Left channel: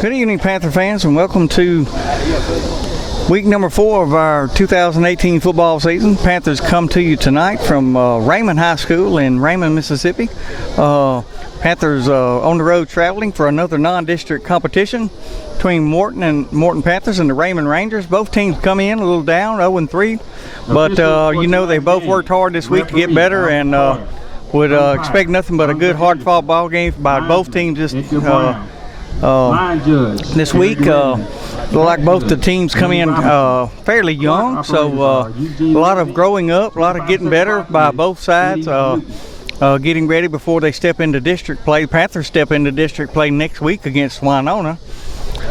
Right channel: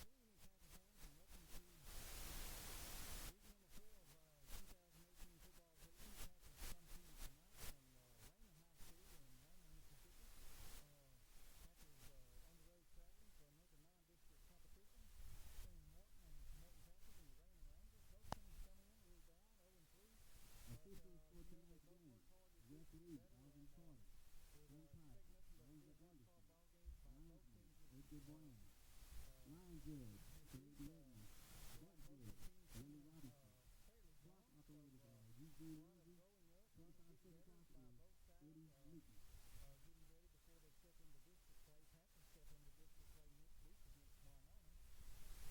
Good evening, Panther fans, and welcome to week number 4 of our 2018 football season. Panthers come to you tonight from Raymond High School in Raymond, Mississippi. Panthers on the road traveling for another non-district competition between Morton Panthers and the Raymond Rangers. Both teams come in a little down, 0-3, but you know they both worked hard this week to get better, and would expect nothing but a good, hard-fought ball game by both teams this week. Look like both the teams come in fairly young, so a lot of growing up, a lot of getting better by both sides, getting ready before they step into district play. Panthers step into district play next week against Winona.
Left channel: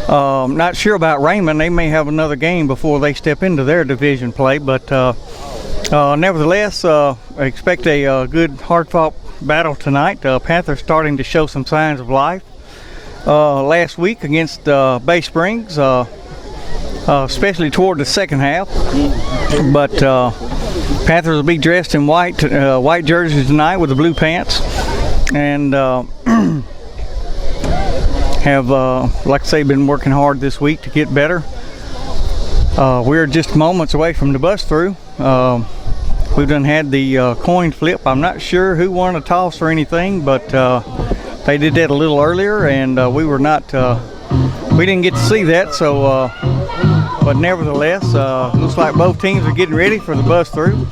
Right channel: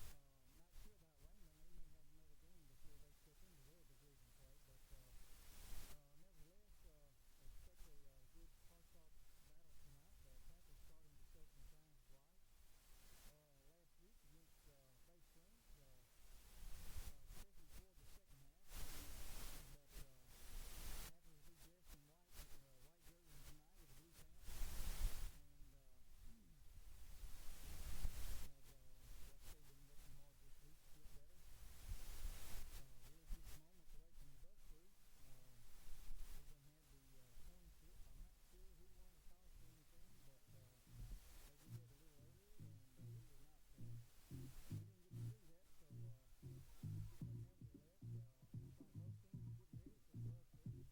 Not sure about Raymond. They may have another game before they step into their division play, but nevertheless, I expect a good, hard-fought battle tonight. Panthers starting to show some signs of life. Last week against Bay Springs, especially toward the second half. But Panthers will be dressed in white jerseys tonight with the blue pants, and have, like I say, been working hard this week to get better. We're just moments away from the bus through. We've done had the coin flip. I'm not sure who won a toss or anything, but they did that a little earlier, and we didn't get to see that. So, but nevertheless, looks like both teams are getting ready for the bus through,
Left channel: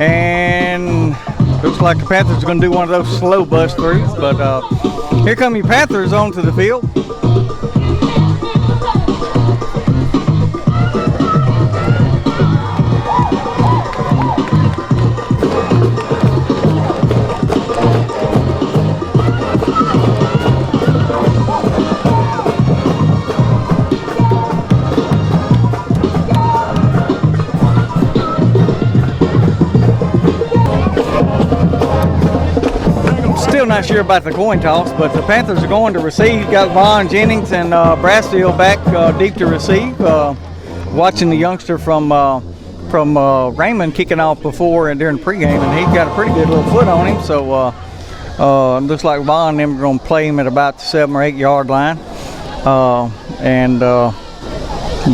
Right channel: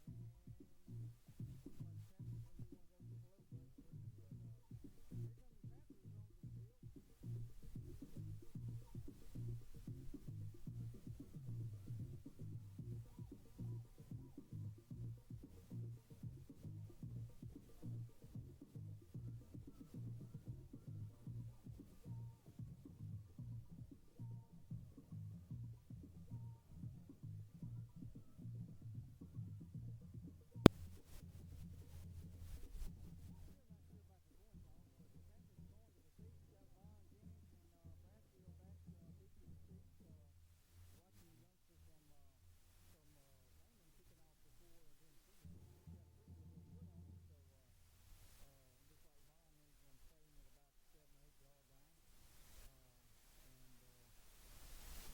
and looks like the Panthers are going to do one of those slow bus throughs. But here come your Panthers onto the field. Not sure about the coin toss, but the Panthers are going to receive. Got Vaughn Jennings and Brassfield back deep to receive. Watching the youngster from Raymond kicking off before and during pregame, and he's got a pretty good little foot on him. So looks like Vaughn and them are going to play him at about the 7 or 8 yard line.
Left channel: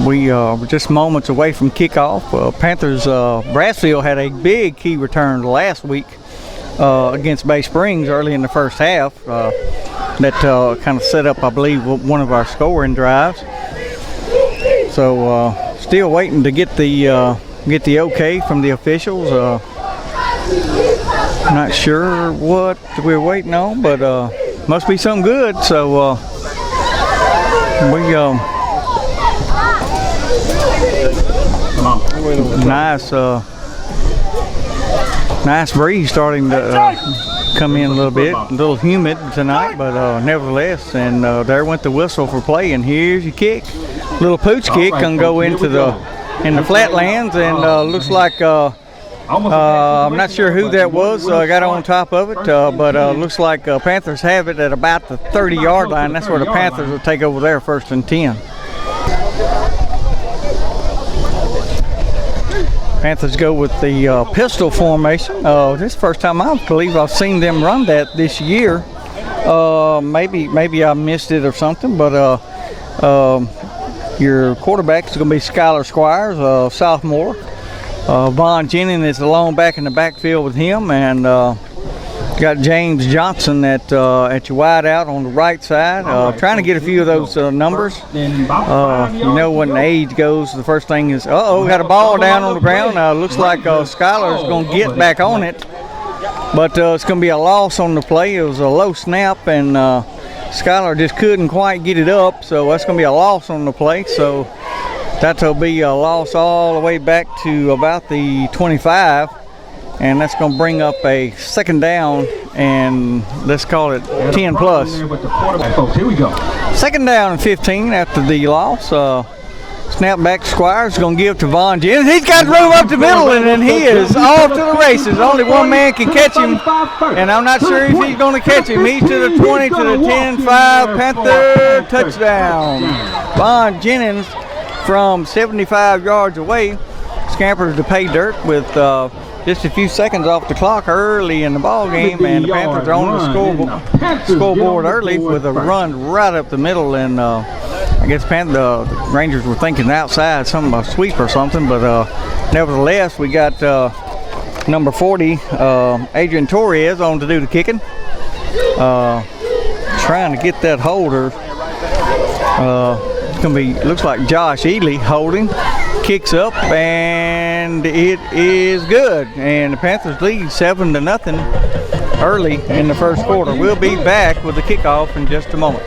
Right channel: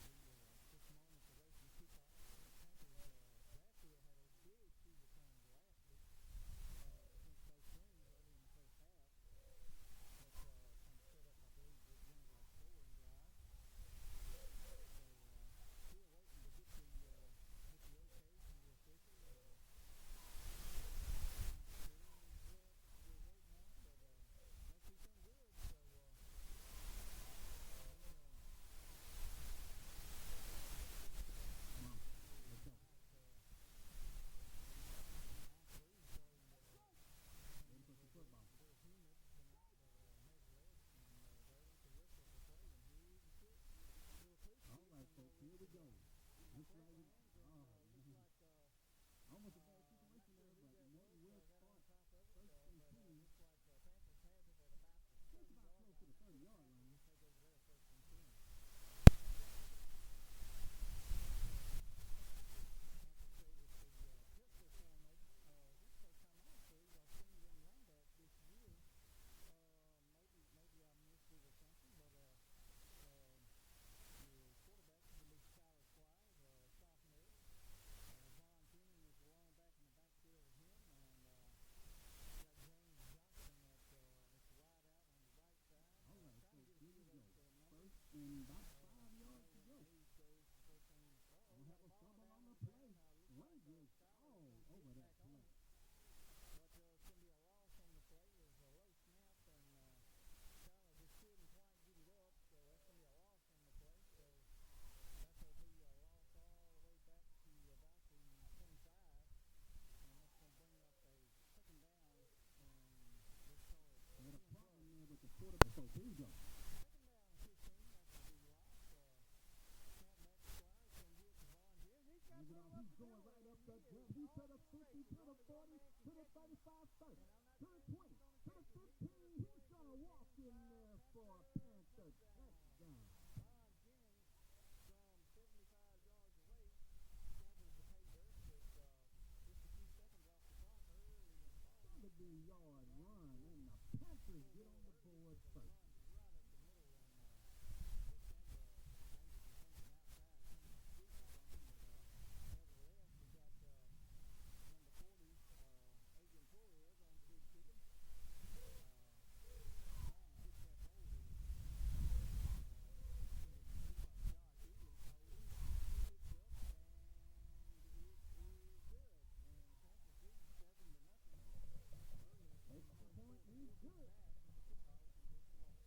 We were just moments away from kickoff. Panthers Brassfield had a big key return last week against Bay Springs early in the first half. That kind of set up, I believe, one of our scoring drives. So still waiting to get the okay from the officials. Not sure what we're waiting on, but must be something good. So nice breeze starting to come in a little bit, a little humid tonight, but nevertheless, and there went the whistle for play, and here's your kick. Little pooch kick can go into the flatlands, and looks like I'm not sure who that was got on top of it, but looks like Panthers have it at about the 30 yard line. That's where the Panthers will take over there, 1st and 10. Panthers go with the pistol formation. This is the first time I believe I've seen them run that this year. Maybe I missed it or something, but your quarterback is going to be Skylar Squires, sophomore. Vaughn Jennings is alone back in the backfield with him, and got James Johnson at your wide out on the right side, trying to get a few of those numbers. You know, when the age goes, the first thing is, got a ball down on the ground. Looks like Skylar's going to get back on it, but it's going to be a loss on the play. It was a low snap, and Skylar just couldn't quite get it up, so that's going to be a loss on the play. So that'll be a loss all the way back to about the 25. And that's going to bring up a 2nd down, and let's call it 10 plus. Here we go. 2nd down and 15 after the loss. Snap back to Squires, going to give to Vaughn Jennings. He's got room up the middle, and then he is off to the races. Only one man can catch him, and I'm not sure if he's going to catch him. He's to the 20, to the 10, 5, Panther touchdown. Vaughn Jennings from 75 yards away scampers to pay dirt with just a few seconds off the clock early in the ball game, and the Panthers are on the scoreboard early with a run right up the middle, and I guess the Rangers were thinking outside, some sweep or something, but nevertheless, we got number 40, Adrian Torres, on to do the kicking. Trying to get that holder. It's gonna be, looks like Josh Ely holding. Kicks up, and it is good. And the Panthers lead 7-0 early in the first quarter. We'll be back with the kickoff in just a moment.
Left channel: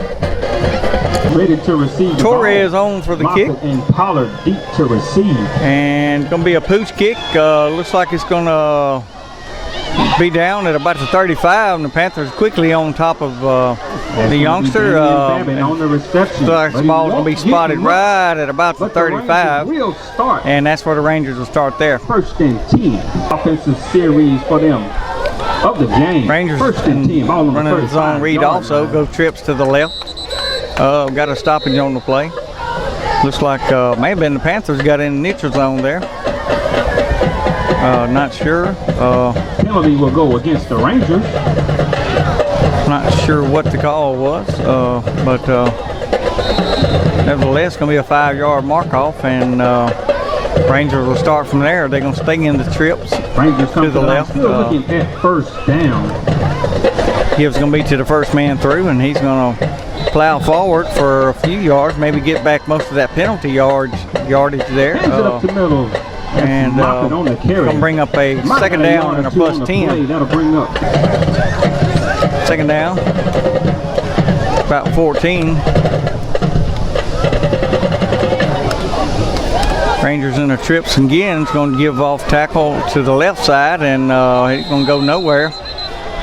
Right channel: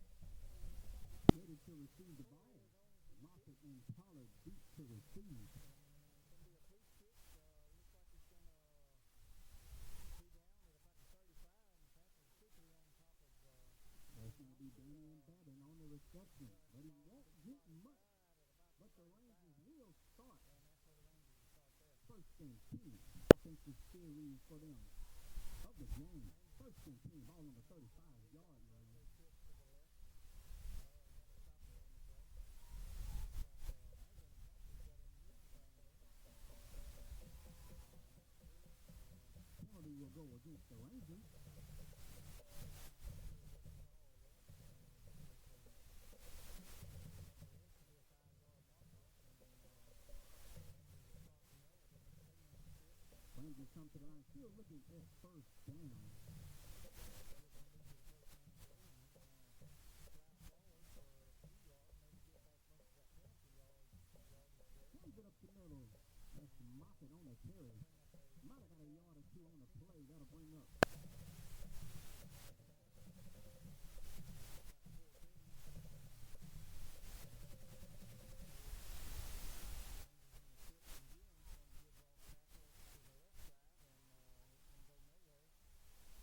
Ready to receive. Torres on for the kick. And Pollard deep to receive. And gonna be a pooch kick. Looks like it's gonna be down at about the 35, and the Panthers quickly on top of the youngster. On the reception. Looks like the ball's gonna be spotted right at about the 35, and that's where the Rangers will start there. First and 10 offensive series for them of the game. Rangers first and 10, ball on running the the zone read also. Go trips to the left. Got a stoppage on the play. Looks like may have been the Panthers got in the neutral zone there. Not sure. Penalty will go against the Rangers. Not sure what the call was, but nevertheless, going to be a 5-yard mark off, and Rangers will start from there. They're going to stay in the trips Rangers to the left. Still looking at first down. Gibbs going to be to the first man through, and he's going to plow forward for a few yards, maybe get back most of that penalty yardage there. Hands it up the middle. And going to bring up a second down and a plus 10. That'll bring up. Second down, about 14. Rangers in the trips again. It's going to give off tackle to the left side, and he's going to go nowhere.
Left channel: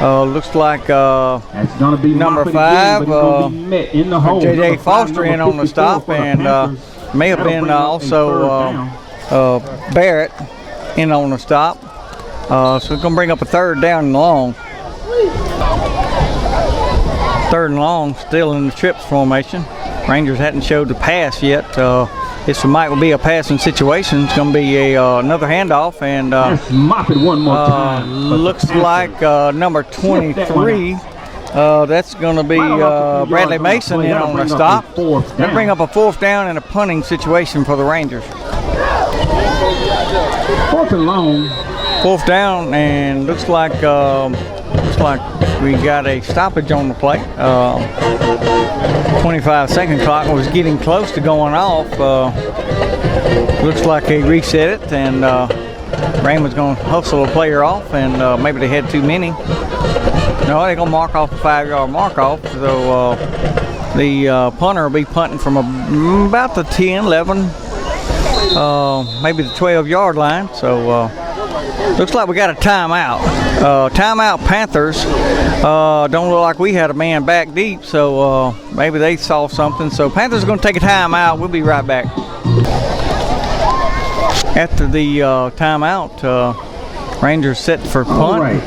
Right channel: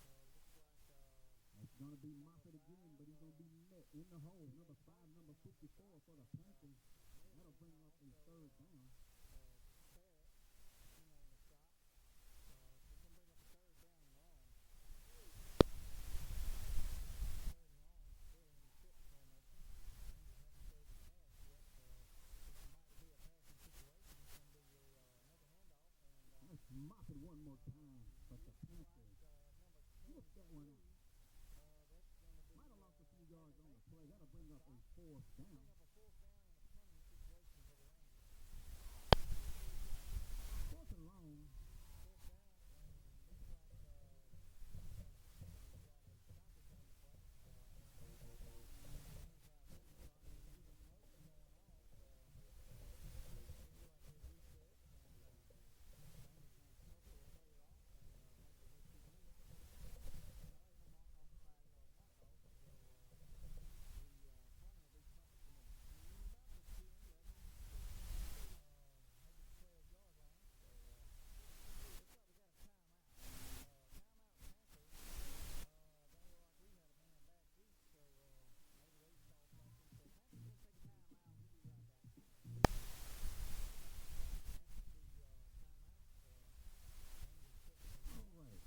Looks like that's gonna be number 5, J.J. Number Foster in on the stop, and may have been also Barrett in on the stop. So it's going to bring up a third down and long. Third and long, still in the trips formation. Rangers hadn't showed the pass yet. This might be a passing situation. It's going to be another handoff, and mop it one more time. Looks like number 23. That's going to be Bradley Mason in on the stop. That'll bring up a fourth down and a punting situation for the Rangers. Fourth and long. Fourth down, and looks like we got a stoppage on the play. 25-second clock was getting close to going off. Looks like they reset it, and Raymond's going to hustle a player off, and maybe they had too many. No, they're going to mark off a 5-yard mark off. So the punter will be punting from about the 10, 11, maybe the 12-yard line. So looks like we got a timeout. Timeout Panthers. Don't look like we had a man back deep, so maybe they saw something. So Panthers are going to take a timeout. We'll be right back. After the timeout, Rangers set for punt. Right.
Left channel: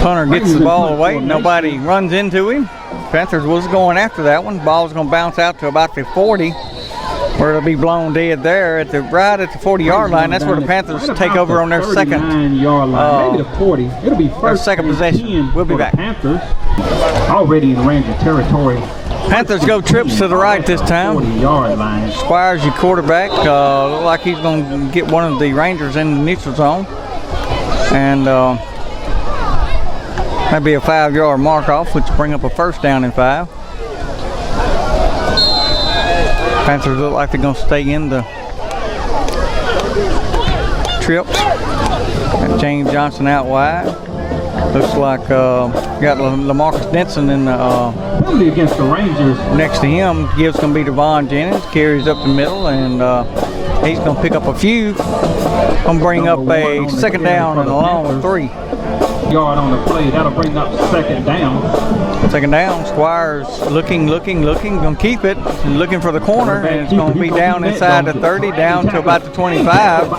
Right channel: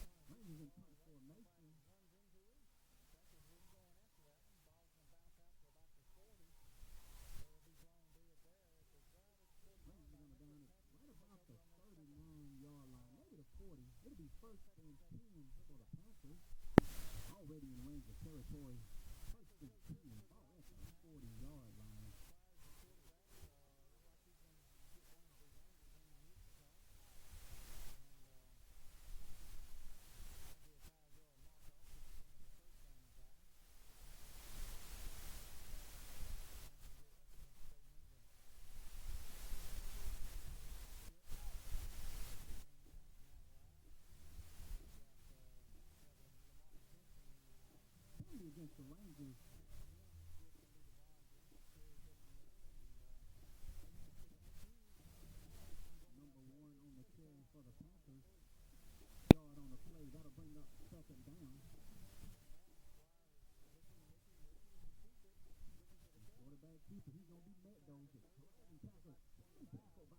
Punter gets the ball away. Nobody runs into him. Panthers was going after that one. Ball's going to bounce out to about the 40, where it'll be blown dead there right at the 40-yard line. That's where the Panthers take over on their second. 39-yard line, maybe the 40. It'll be first second possession. We'll be back. Panthers already in Ranger territory. Panthers go trips to the right this time. 40-yard line. Squires, your quarterback, look like he's going to get one of the Rangers in the neutral zone, and that'd be a 5-yard mark off, which will bring up a first down and 5. Panthers look like they're going to stay in the trips. Got James Johnson out wide. Looks like got LaMarcus Denson in the against the Rangers. Next to him. Gibbs going to be Devon Jennings. Carries up the middle, and he's going to pick up a few. Going to bring up a second down and a long 3. Yard on the play. That'll bring up second down. Second down. Squires looking. Going to keep it. Looking for the corner, and it's going to be down inside the 30, down to about the 25.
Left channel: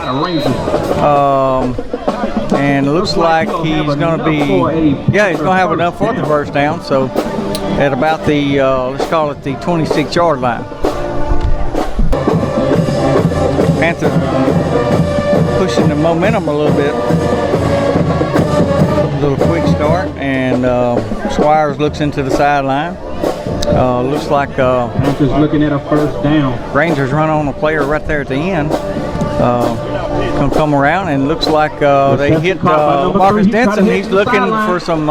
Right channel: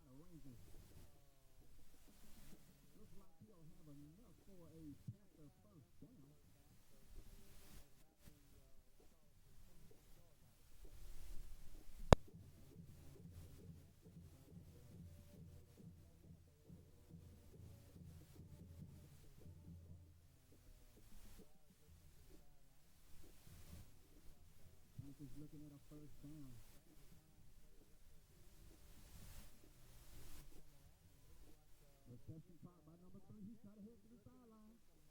And it looks like he's going to be, he's going to have enough for the first down. So at about the, let's call it the 26-yard line. Panthers pushing the momentum a little bit. A little quick start, and Squires looks into the sideline. Looks like Panthers looking at a first down. Rangers run on a player right there at the end. Gonna come around, and looks like they hit Marcus Denson. He's looking for some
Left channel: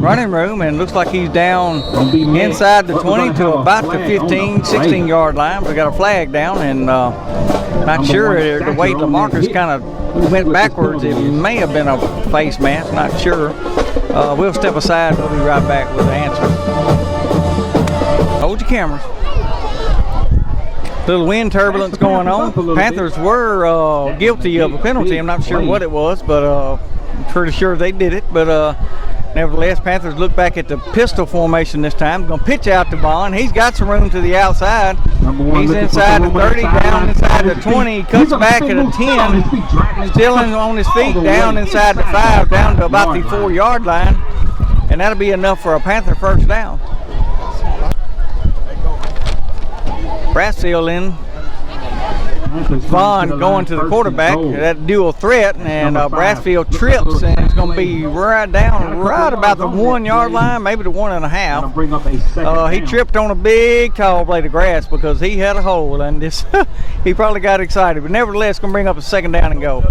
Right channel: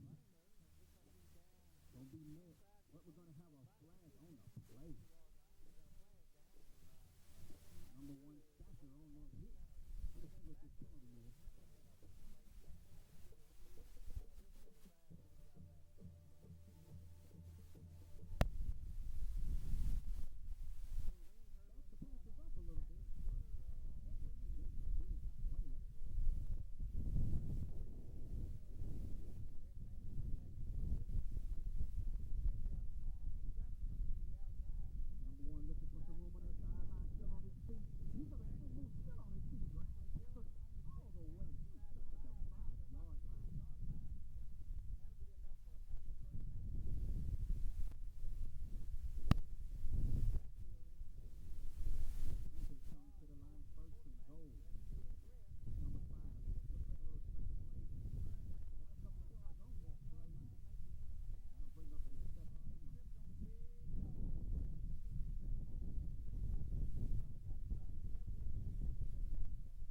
running room, and looks like he's down inside the 20 to about the 15, 16 yard line. We got a flag down, and not sure the way LaMarcus kind of went backwards. It may have been a face mask, not sure. We'll step aside. We'll be right back with the answer. Hold your cameras. Little wind turbulence going on. Panthers were guilty of a penalty. I'm not sure what it was, but I'm pretty sure they did it. But nevertheless, Panthers look back at the pistol formation this time. Going to pitch out to Bond. He's got some room to the outside. He's inside the 30, down inside the 20. He cuts back at a 10. Still on his feet, down inside the 5, down to about the 4 yard line. And that'll be enough for a Panther first down. Brassfield in. Vaughn going to the quarterback. That dual threat, and Brassfield trips, and it's going to be right about the 1 yard line, maybe the 1.5. He tripped on a big tall blade of grass because he had a hole, and this he probably got excited. But nevertheless, going to bring up a second down and go.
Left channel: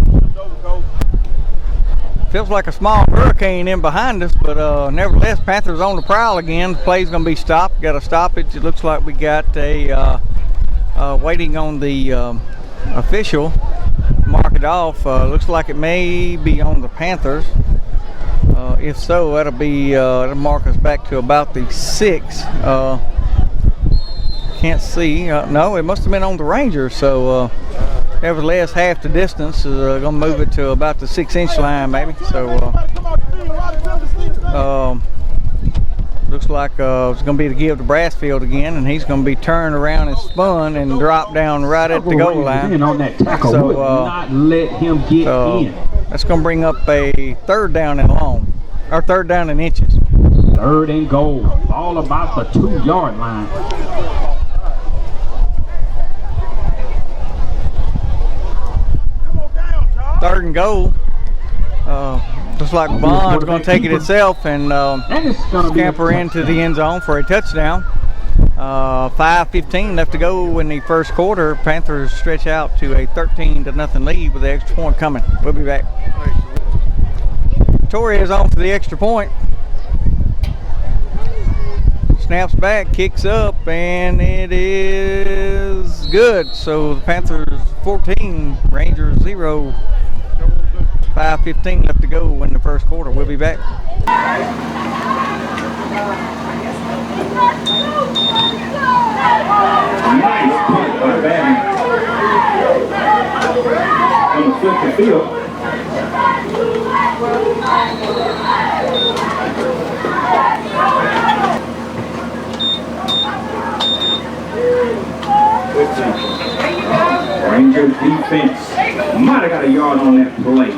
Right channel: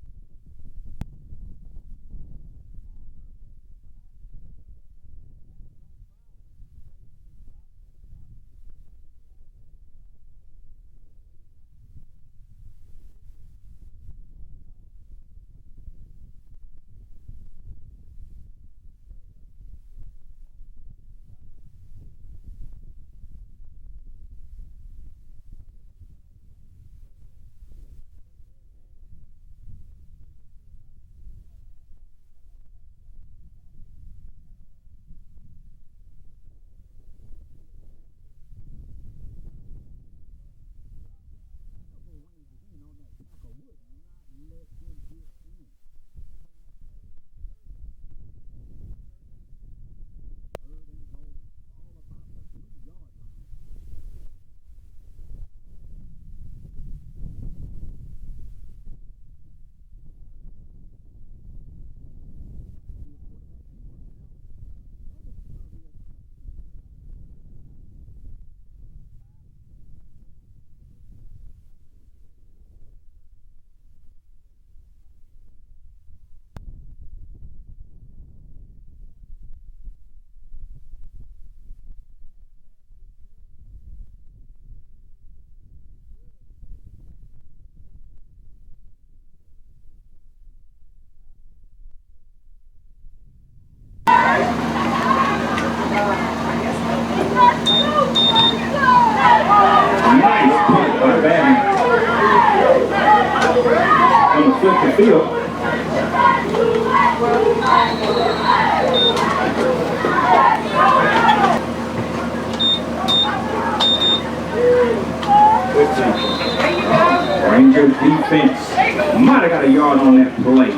Feels like a small hurricane in behind us, but nevertheless, Panthers on the prowl again. The play's going to be stopped. Got to stop it. It looks like we got a waiting on the official. Mark it off. Looks like it may be on the Panthers. If so, that'll mark us back to about the 6. Can't see. No, it must have been on the Rangers. So nevertheless, half the distance is going to move it to about the 6-inch line, maybe. So looks like it's going to be the give to Brassfield again, and he's going to be turned around and spun and dropped down right at the goal line. On that tackle, so not let him get in. That's going to bring up a third down and long, or third down and inches. Third and goal, all about the 2 yard line. Third and goal. Looks like Bond's going to take it itself and scamper into the end zone for a touchdown. 5:15 left to go in the first quarter. Panthers stretch out to a 13-0 lead with the extra point coming. We'll be back. Torres on for the extra point. Snaps back, kicks up, and it is good. So the Panthers 14, Rangers 0. 5:15 left to go in the first quarter. We'll be back. Nice punt by Batman. On the flip the field. Ranger defense might have got a yard on that play.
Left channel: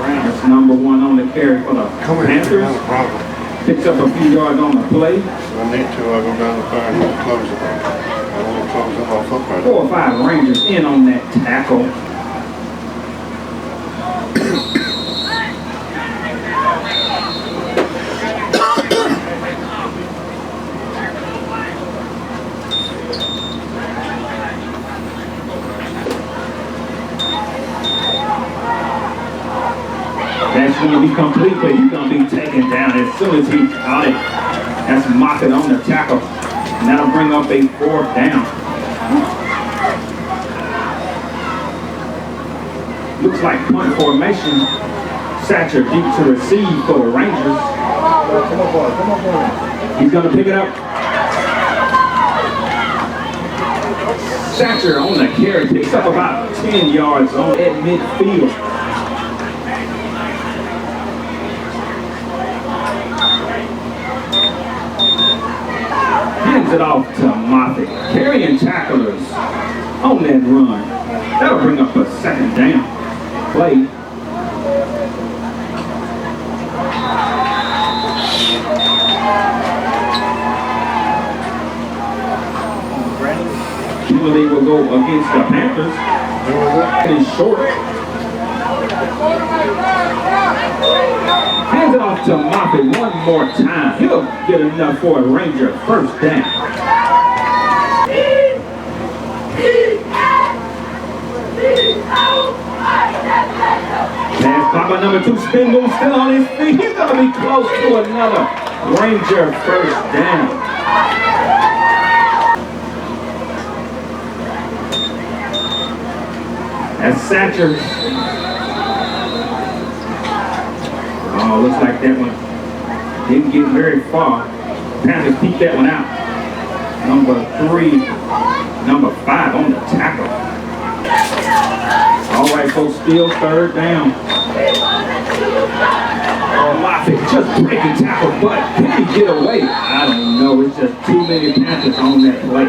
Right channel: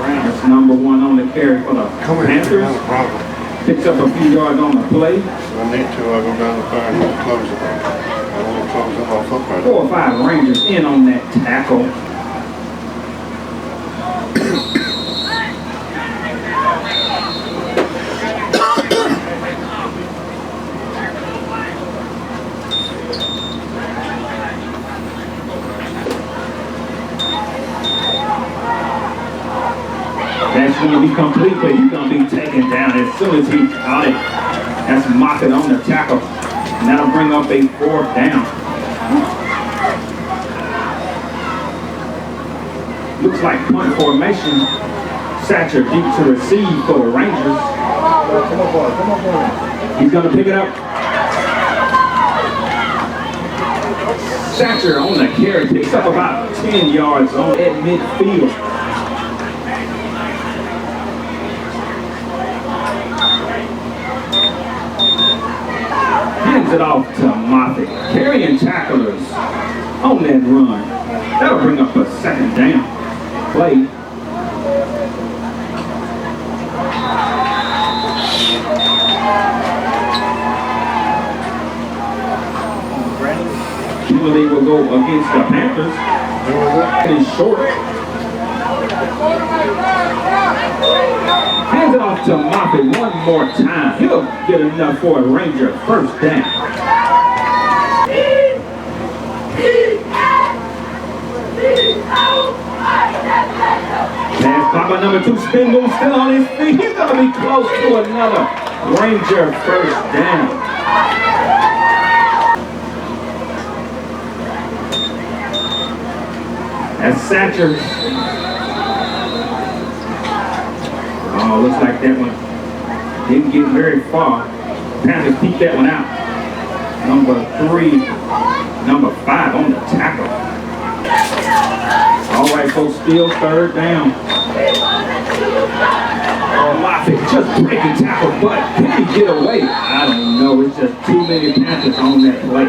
That's number 1 on the carry for the Panthers. Picks up a few yards on the play. If I need to, I'll go down the fire and close it. I want to close it off up right 4 or 5 Rangers in on that tackle. That's going to be complete, but he's going to be taken down as soon as he got it. That's Mockett on the tackle. And that'll bring up a 4th down. Looks like punt formation. Satcher deep to receive for the Rangers. He's going to pick it up. Satcher on the carry, picks up about 10 yards on at midfield. Hands it off to Moffett. Carrying tacklers on that run. That'll bring up a 2nd down. Play. penalty will go against the Panthers. It is short. Hands it off to Moffitt one more time. He'll get enough for a Ranger first down. Pass caught by number 2, spin move, still on his feet. He's going to be close to another Ranger first down. That's Satcher. Oh, looks like that one didn't get very far. Panthers peeked that one out. Number 3, number 5 on the tackle. All right, folks, still third down. Oh, Moffitt just breaking tackle, but can he get away? I don't know. It's just too many Panthers on that play.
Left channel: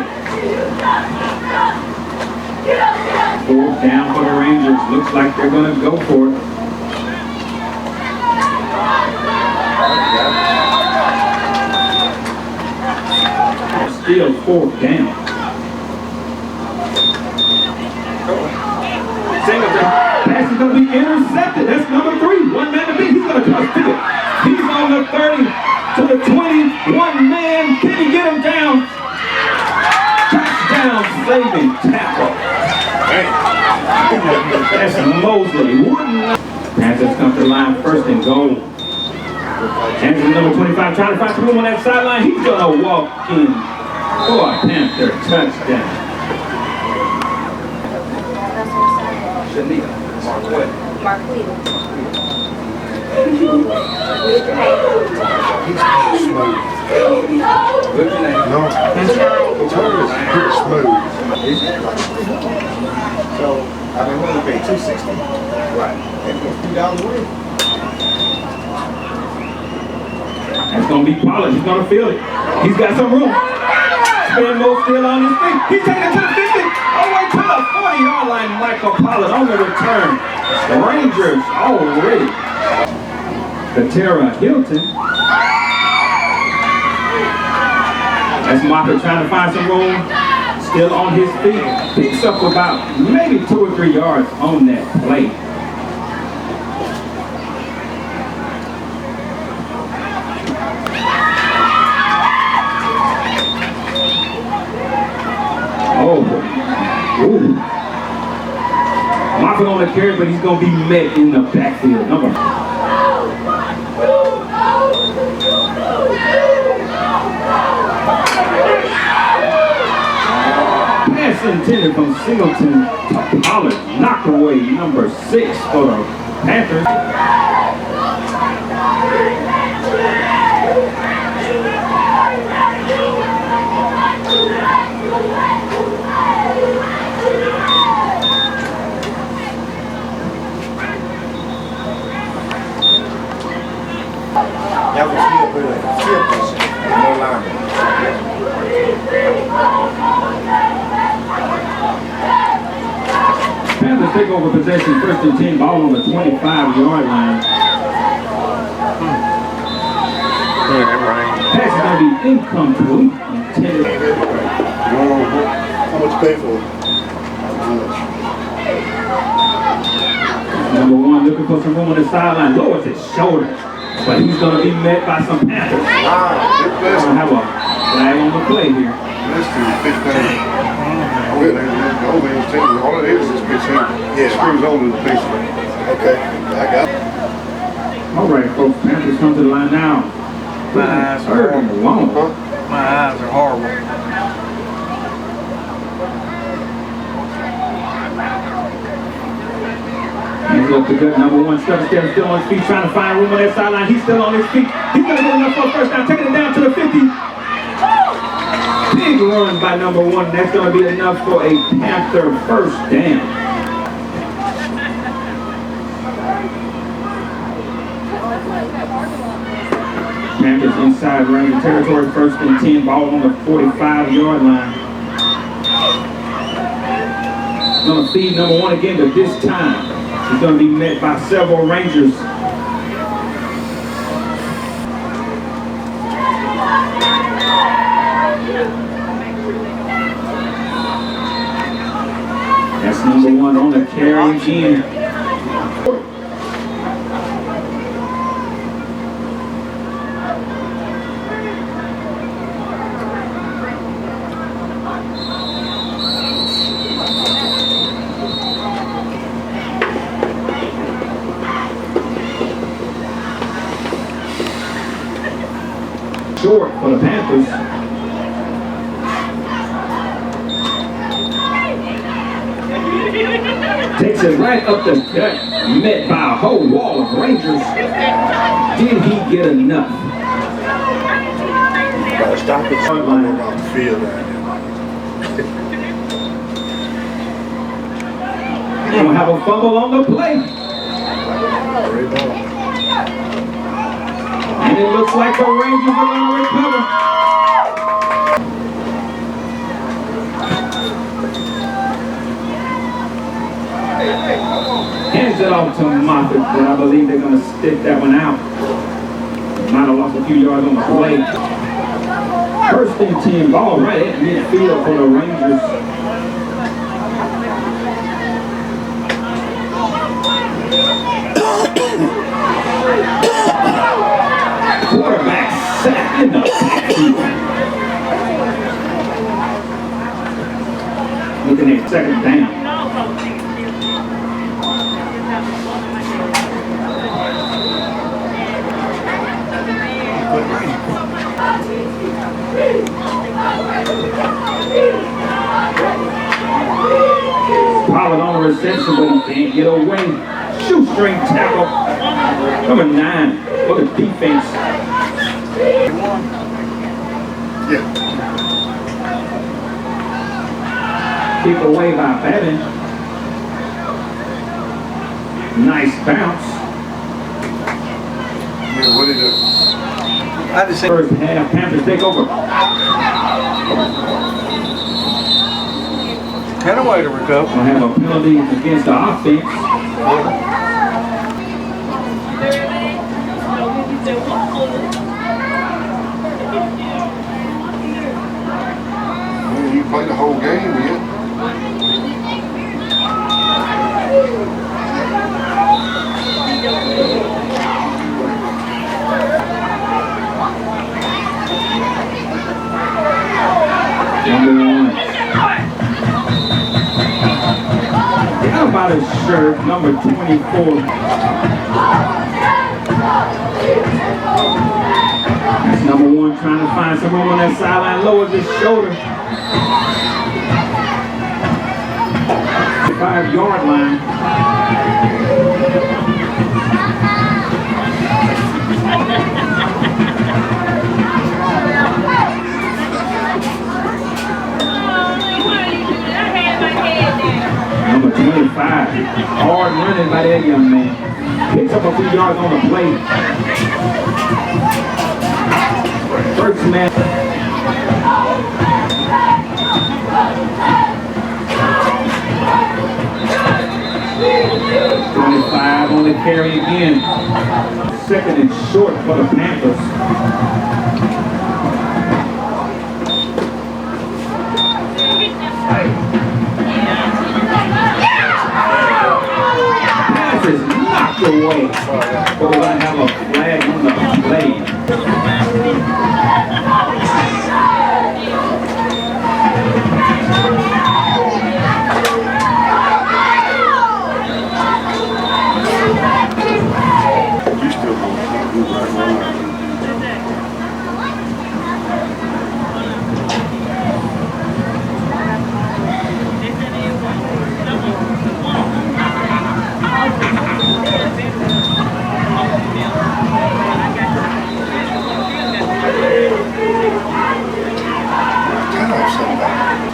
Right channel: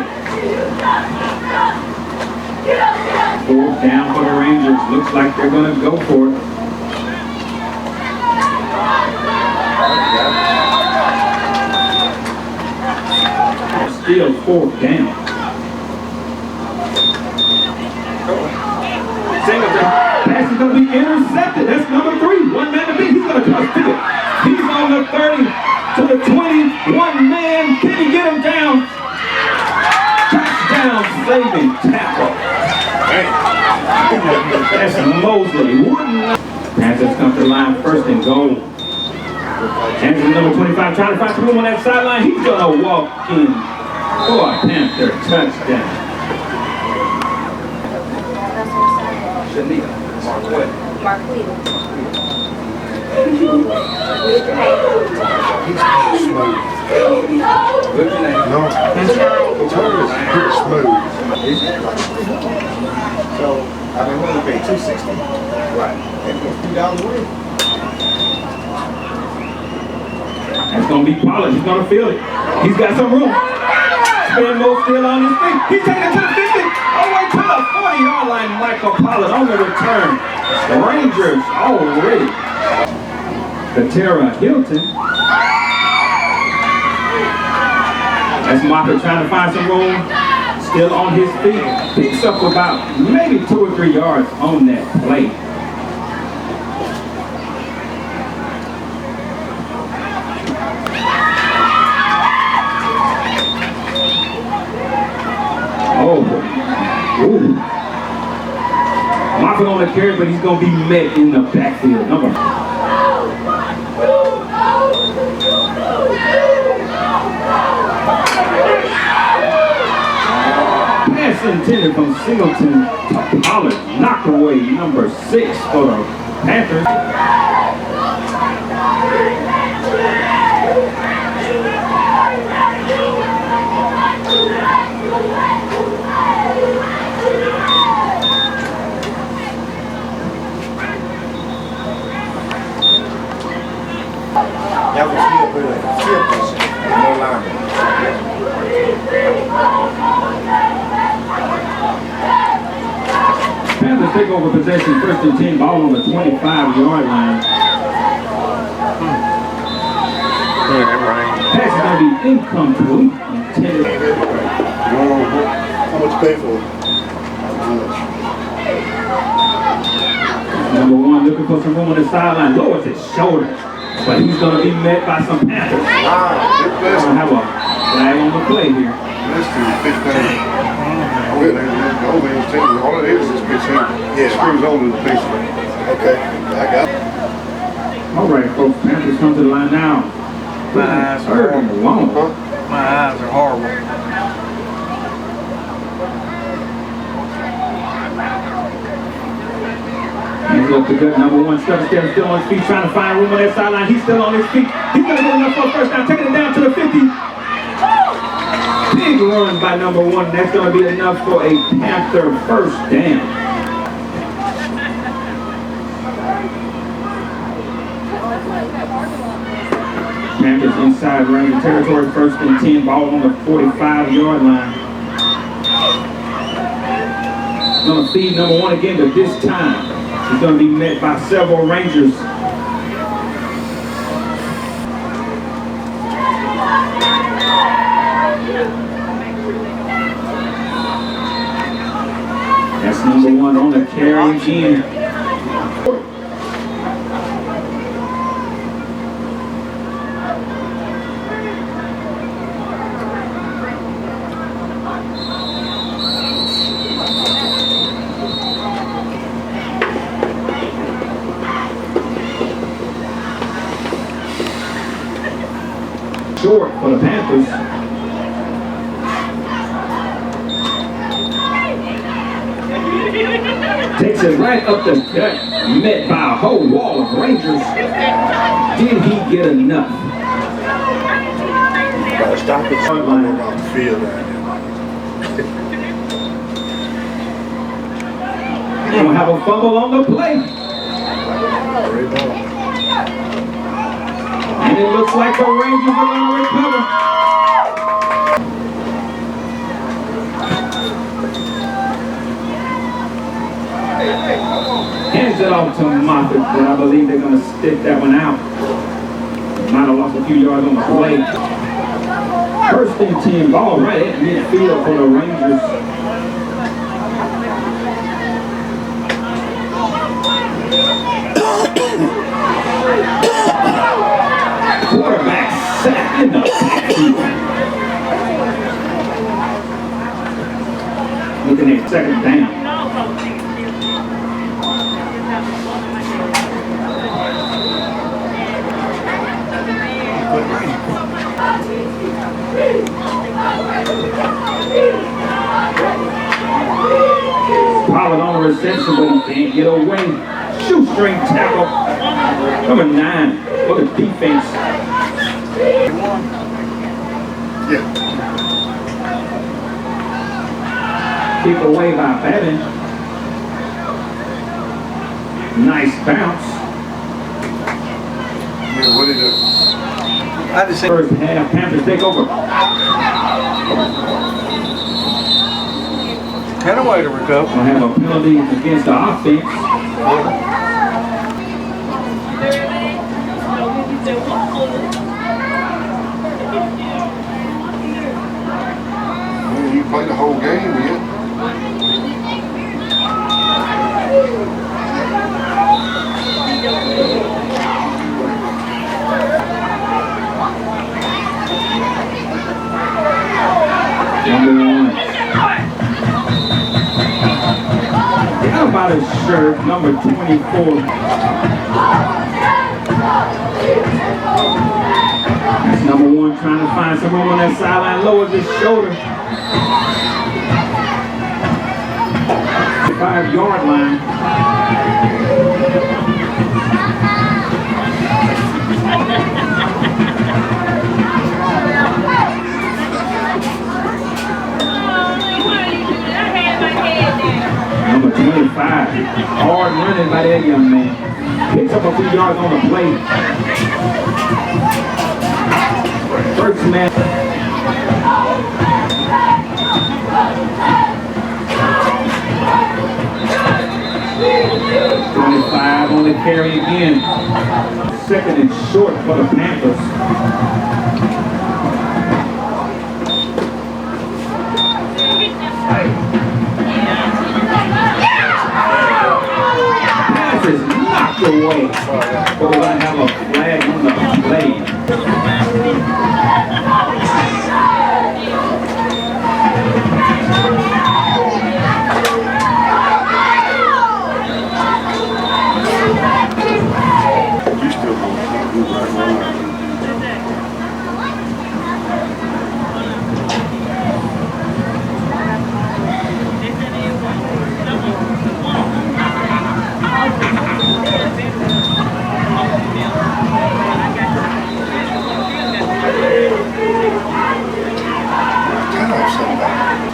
4th down for the Rangers. Looks like they're going to go for it. Still 4th down. Singleton. Pass is going to be intercepted. That's number 3. One man to beat. He's going to cross pick it. He's on the 30 to the 20. One man. Can he get him down? Touchdown saving tackle. That's Mosley. Panthers come to the line first and goal. Andrew, number 25, trying to find some room on that sideline. He's going to walk in for a Panther touchdown. Mark Weedle. He's smooth. No, he's pretty smooth. So, I've been willing to pay $260. Right. And $2 away. That's going to be Pollard. He's going to feel it. He's got some room. Spin move still on his feet. He's taking it to the 50. All the way to the 40-yard line. Michael Pollard on the return. The Rangers already. Katera Hilton. That's Moffitt trying to find some room. Still on his feet. Picks up about maybe 2 or 3 yards on that play. Oh. Ooh. Moffitt on the carry, but he's going to be met in the backfield. Number. Pass intended from Singleton to Pollard. Knocked away number 6 for the Panthers. That was field position. No lineman. Panthers take over possession, 1st and 10, ball on the 25-yard line. Pass is going to be incomplete. Intended. How much pay for it? Number 1 looking for some room on the sideline. Lowers his shoulder. But he's going to be met by some Panthers. We're going to have a flag on the play here. This is 15. All it is 15. Yeah, screws on to the piece. Okay, I got it. All right, folks. Panthers come to the line now. My eyes are horrible. My eyes are horrible. Hands up to gut. Number 1 stuck there, still on his feet, trying to find room on that sideline. He's still on his feet. He's going to get enough for a first down, taking it down to the 50. Big run by number 1. That's going to be enough for a Panther first down. Panthers inside Ranger territory, 1st and 10, ball on the 45-yard line. Going to feed number 1 again, but this time he's going to be met by several Rangers. Number one on the carry again. Short for the Panthers. Takes it right up the gut, met by a whole wall of Rangers. Did he get enough? Gotta stop it. Running off the field right Gonna have a fumble on the play. And it looks like the Rangers are gonna recover. Hands it off to Moffett, but I believe they're going to stick that one out. Might have lost a few yards on the play. First and 10, ball right at midfield for the Rangers. Quarterback sacked in the backfield. Looking at second down. Pollard on the reception, but he can't get away. Shoestring tackle. Number 9 for the defense. Yeah. Kick away by Babin. Nice bounce. Yeah, what did it? I just think First half, Panthers take over. had a way to recover. We'll have a penalty against the offense. Man, you played the whole game, man. Number 1. How about his shirt, number 24? That's number 1 trying to find some room on that sideline, lowers his shoulder. 5-yard line. Number 25, hard running by that young man. Picks up a few yards on the play. First man. 25 on the carry again. Second and short for the Panthers. Pass is knocked away. But we're going to have a flag on the play.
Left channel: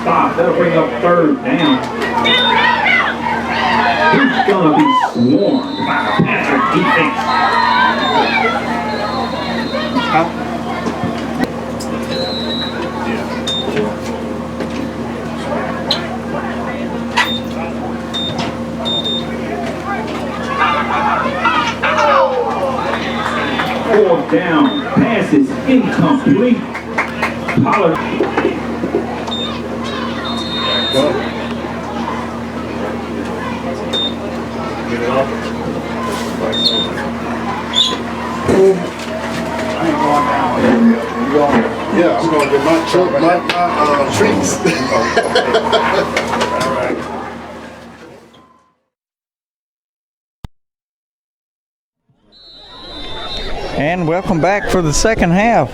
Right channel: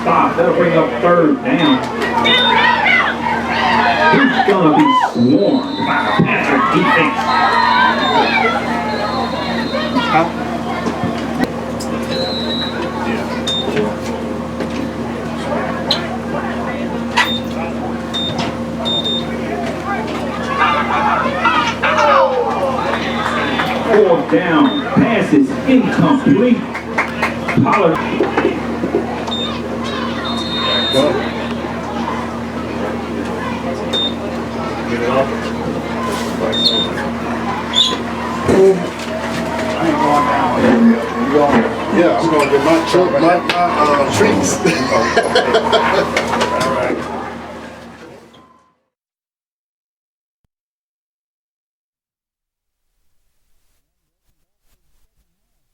Stop. That'll bring up third down. He's gonna be swarmed by the Panther defense. Fourth down. Pass is incomplete. Pollard. My treats. And welcome back for the second half.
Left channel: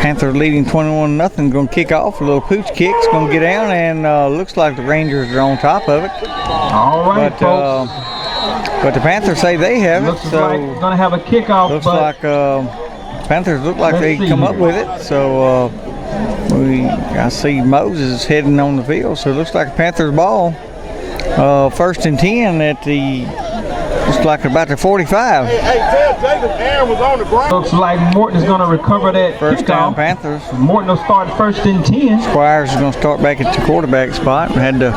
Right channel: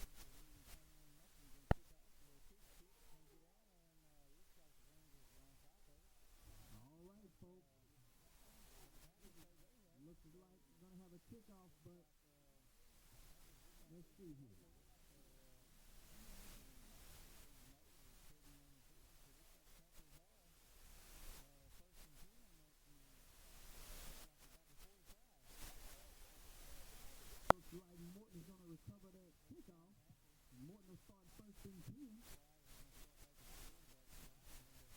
Panthers leading 21-0. Going to kick off. A little pooch kick's going to get down, and looks like the Rangers are on top of it. All right, folks. But the Panthers say they have Looks it. So like we're gonna have a kickoff. looks but like Panthers look like let's they see come up here. with it. So I see Moses heading on the field. So it looks like a Panthers ball. First and 10 at the. Looks like about the 45. Hey, tell Jacob Aaron was on the ground. Looks like Morton is going to recover that First down kickoff. Panthers. Morton will start first and 10. Squires is going to start back at the quarterback spot. Had to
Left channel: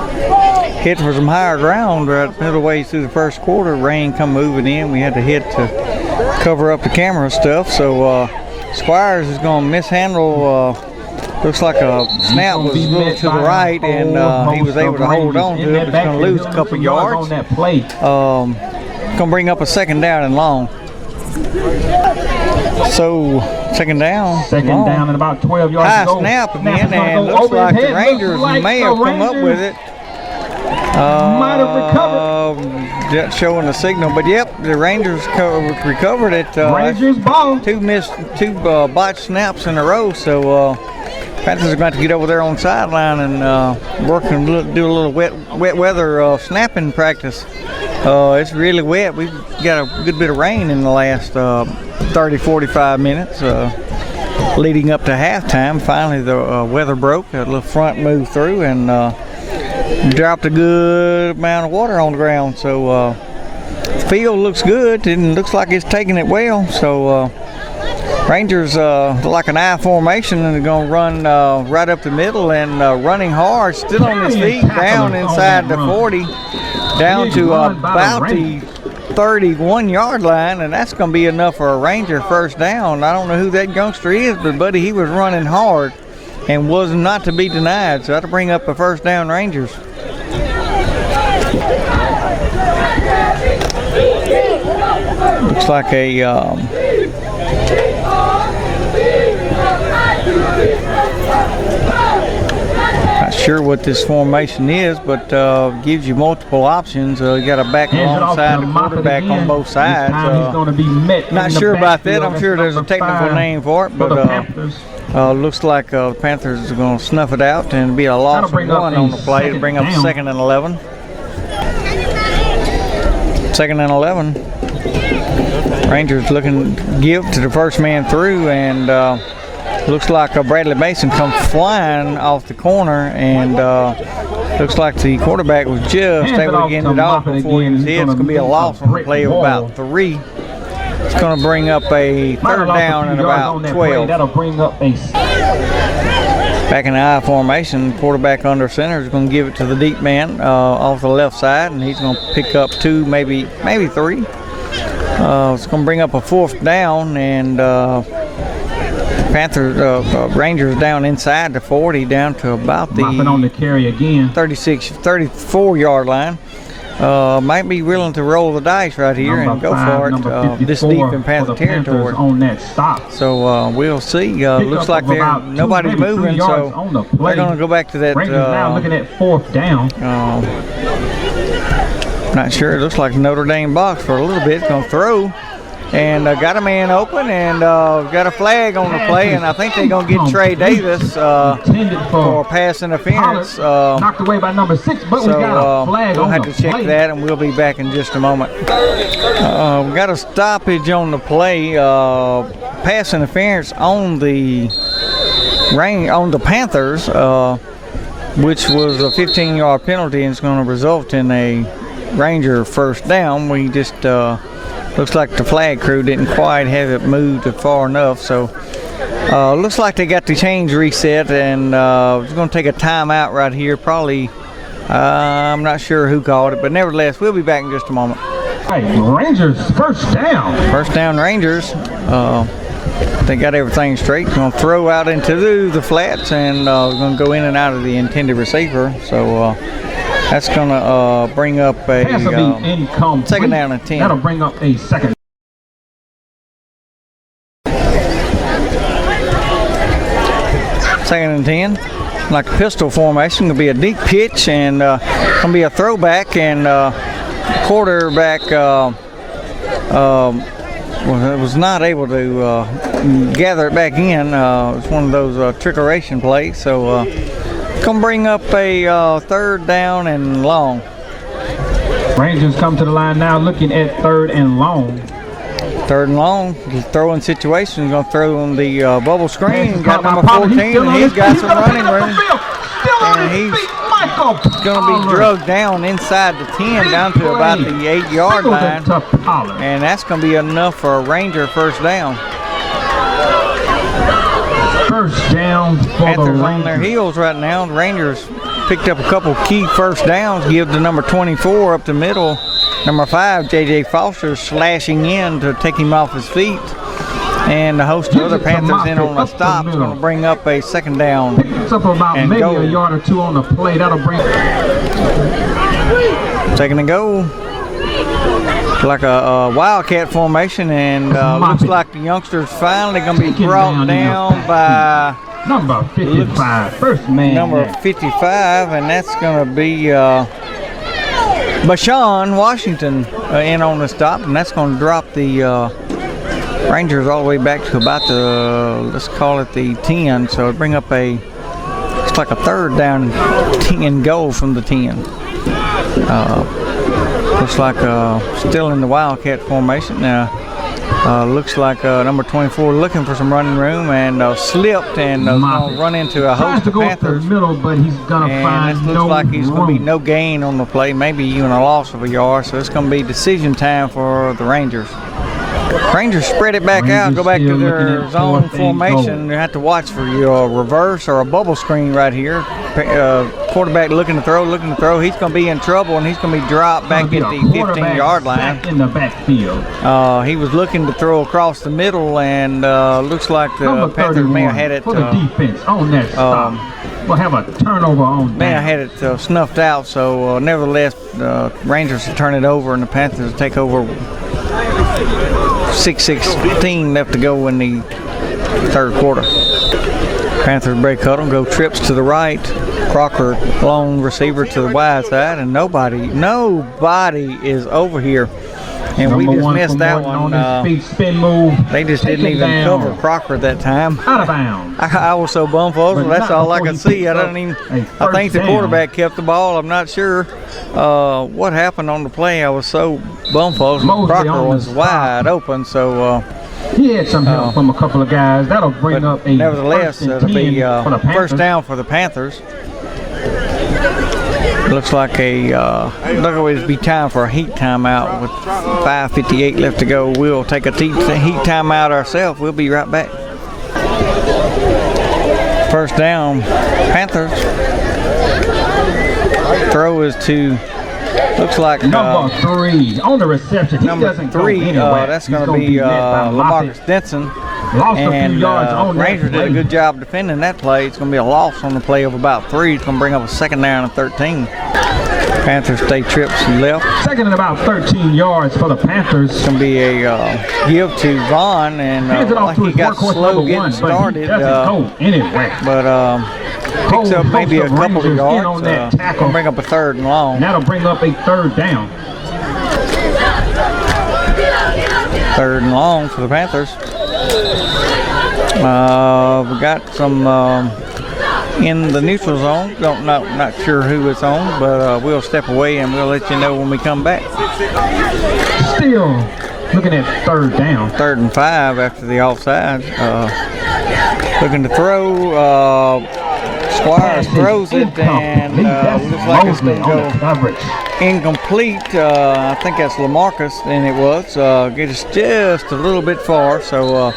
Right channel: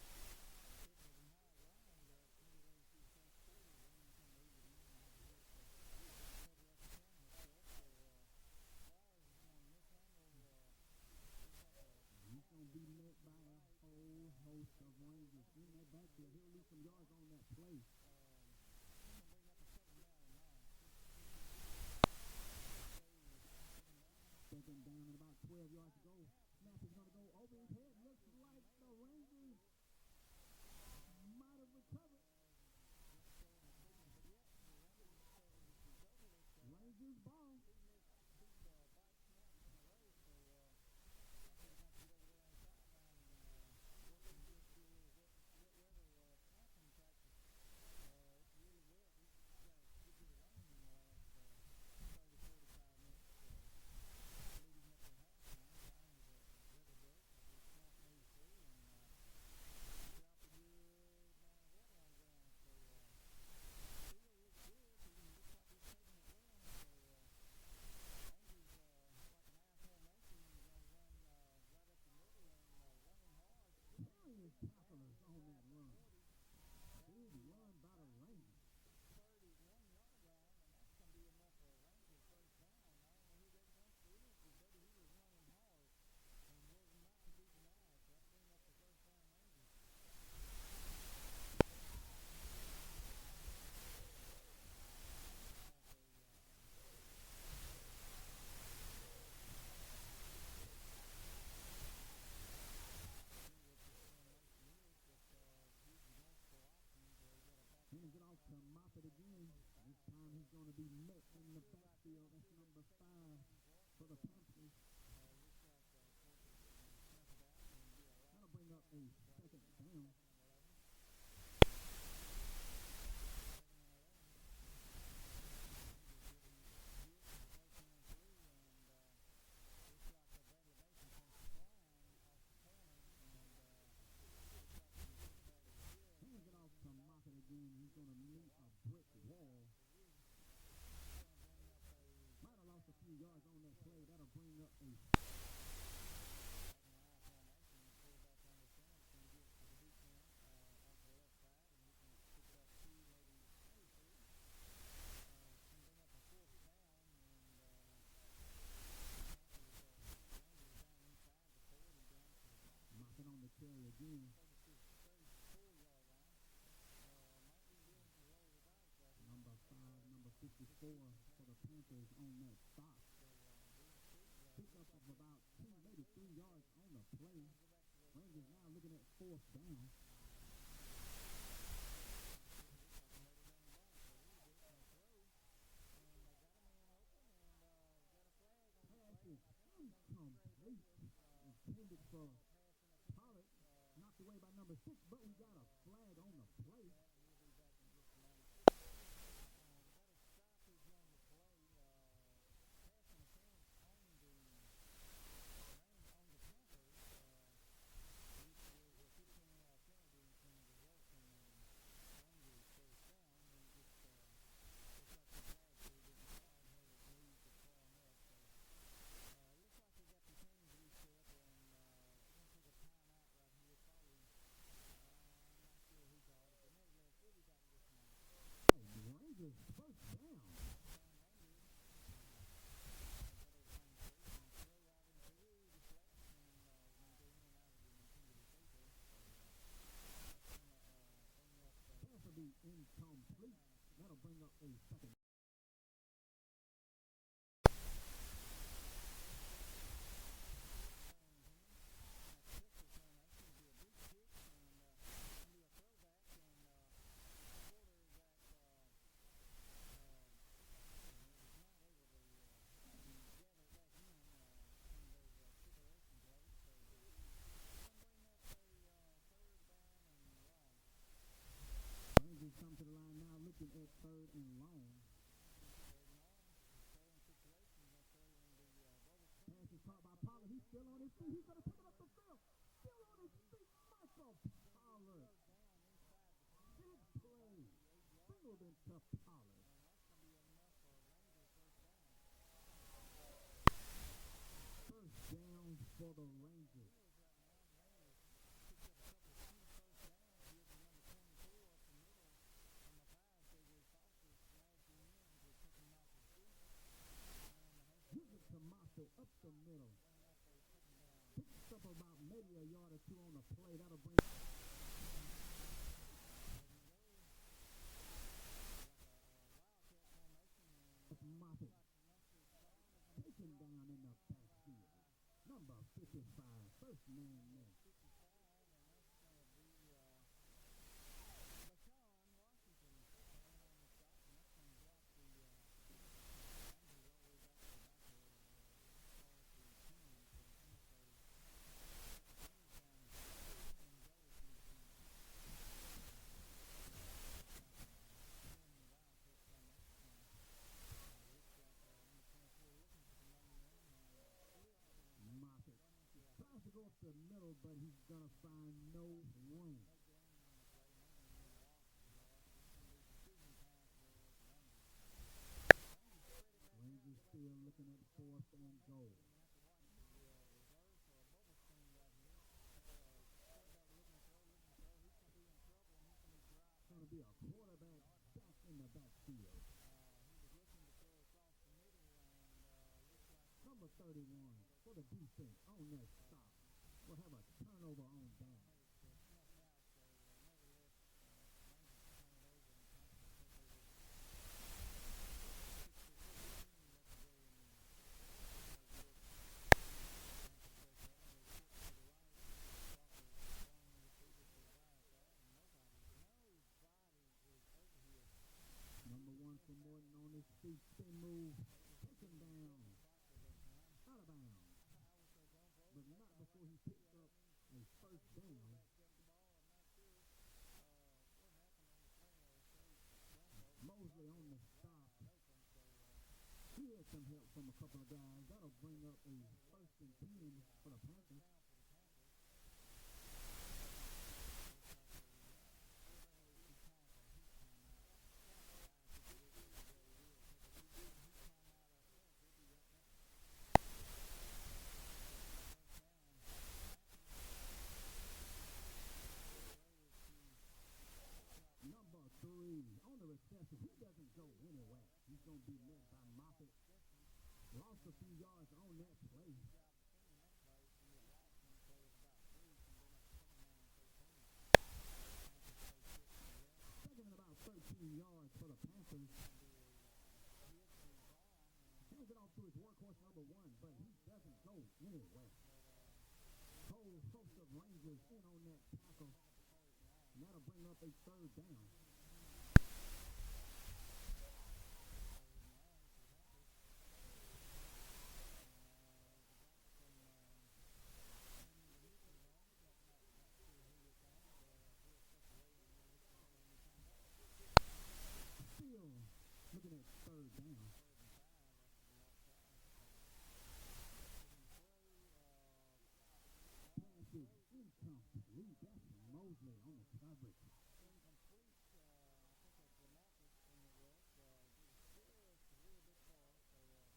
hit for some higher ground right middle way through the first quarter. Rain come moving in. We had to hit to cover up the camera stuff. So Squires is going to mishandle. Looks like a snap was a little to the right, and he was able to hold on to it, but he's going to lose a couple yards. On that play. Going to bring up a second down and long. So second down. Second long. down and about 12 yards High to go. snap again, is gonna and go looks over his like the head. Rangers Looks like may the have come up Rangers with it. might have recovered. Just showing the signal, but yep, the Rangers recovered it. Rangers ball. Two botched snaps in a row, so Panthers are going to get over there on the sideline and work and do a little wet weather snapping practice. It's really wet. We've got a good bit of rain in the last 30-45 minutes leading up to halftime. Finally, the weather broke. A little front moved through and dropped a good amount of water on the ground. So the field looks good and looks like it's taking it well. So Rangers like an I formation, and they're going to run right up the middle and running hard, still on his feet, down inside the 40, down to about the 31-yard line, and that's going to be enough for a Ranger first down. I don't know who that youngster is, but buddy, he was running hard and was not to be denied, so that'll bring up a first down Rangers. Looks like a not sure what this formation is, but gives you multiple options. You got a back alongside the quarterback on both sides. Not sure about that. I'm sure there's a technical name for it, but looks like the Panthers are going to snuff it out and be a loss of one on the play to bring up second and 11. Second and 11. Rangers looking to give to the first man through, and looks like Bradley Mason comes flying off the corner, and looks like the quarterback was just able to get it off before he was hit. It's going to be a loss on the play of about 3. It's going to bring up a third down and about 12. That'll bring up a Back in the I formation, quarterback under center is going to give it to the deep man off the left side, and he's going to pick up 2, maybe 3. It's going to bring up a fourth down, and Rangers down inside the 40, down to about the on the carry again. 34-yard line. Might be willing to roll the dice right here and go for it this deep in Panther territory. On that stop. So we'll see. Looks like nobody's moving, so they're going to go back to that. Rangers now looking at fourth down. Not sure. It looks like Notre Dame box for a little bit. Going to throw. And got a man open, and got a flag on the play, and I think they're going to get Trey Davis for pass interference. Knocked away by number 6, but we got a flag we'll on have the to check play. that, and we'll be back in just a moment. We got a stoppage on the play. Pass interference on the Panthers, which was a 15-yard penalty, and it's going to result in a Ranger first down. We just looks like the flag crew didn't quite have it moved far enough, so looks like they got the chains reset, and it's going to take a timeout right here. Probably, I'm not sure who called it, but nevertheless, we'll be back in just a moment. Hey, Rangers first down. First down Rangers. They got everything straight. Going to throw out into the flats, and going to go in and out of the intended receiver. So that's going to bring up a second down and 10. That'll bring up a second. Second and 10. Like a pistol formation. Gonna be a deep pitch and gonna be a throwback, and quarterback was not able to gather it back in. It's one of those trickeration plays. So gonna bring up a third down and long. Rangers come to the line now looking at third and long. Third and long, throwing situation, going to throw on the bubble screen. Got number 14, and he's got some running room. And he's going to be drugged down inside the 10, down to about the 8-yard line. And that's going to be enough for a Ranger first down. First down for Panthers the on their Rangers. heels right now. The Rangers picked up a couple key first downs, give the number 24 up the middle. Number 5, J.J. Foster, slashing in to take him off his feet. And a host of other Panthers in on a stop is going to bring up a second down. It's up about and maybe go. a yard or two on the play. That'll bring. Second and go. Like a wildcat formation, and looks like the youngsters finally going to be brought down by number 55, first man. number 55, and that's going to be Bashan Washington in on the stop, and that's going to drop the Rangers all the way back to about the, let's call it the 10. So it'll bring up it's like a third down and goal from the 10. Looks like still in the wildcat formation now. Looks like number 24 looking for some running room, and slipped and going to run into a host of Panthers. Middle, but he's gonna And this looks like he's going to be no gain on the play, maybe even a loss of a yard. So it's going to be decision time for the Rangers. Rangers spread it back out, go back to their zone formation. You have to watch for your reverse or a bubble screen right here. Quarterback looking to throw. He's going to be in trouble, and he's going to be dropped back at the 15-yard line. In the backfield. He was looking to throw across the middle, and looks like the Panthers may have had it. For the defense on that stop. We'll have a turnover on May that. have had it snuffed out, so nevertheless, Rangers will turn it over, and the Panthers will take over. 6:16 left to go in the third quarter. Panthers break huddle, go trips to the right. Crocker, long receiver to the wide side, and nobody is over here. And Number we just one missed for that Morton one. On his feet, spin move. They just didn't Take it even down. cover Crocker that time. Out of bounds. I was so bumfuzzled. But That's not all I before could he see. picks I up don't even. a I first think the down. quarterback kept the ball. I'm not sure what happened on the play. I was so bumfuzzled. Mosley Crocker on the was stop. wide open, so. He had some help from a couple of guys. That'll bring But up a nevertheless, first and it'll be 10 for the Panthers. first down for the Panthers. Looks like it'll be time for a heat timeout with 5:58 left to go. We'll take a heat timeout ourselves. We'll be right back. First down, Panthers. Throw is to, looks like Number 3 on the reception. He number doesn't 3. go anywhere. That's He's going to gonna be led by Lamarcus Moffitt. Denson. Lost a And few yards on that Rangers did a play. good job defending that play. It's going to be a loss on the play of about 3. It's going to bring up a second down and 13. Panthers stay trips left. Second and about 13 yards for the Panthers. It's going to be a give to Vaughn, and Hands it off like to he his got workhorse slow number getting 1, but he started, doesn't go anywhere. but picks up maybe a couple of Rangers in yards. on that tackle. Gonna bring up a third and long. And that'll bring up a third down. Third and long for the Panthers. We got some in the neutral zone. Not sure who it's on, but we'll step away and we'll let you know when we come back. Still looking at third down. 3rd and 5 after the offside. Looking to throw. Squires throws it, and looks like it's going to go incomplete. I think that's Lamarcus, and it was. Gets just a little bit far, so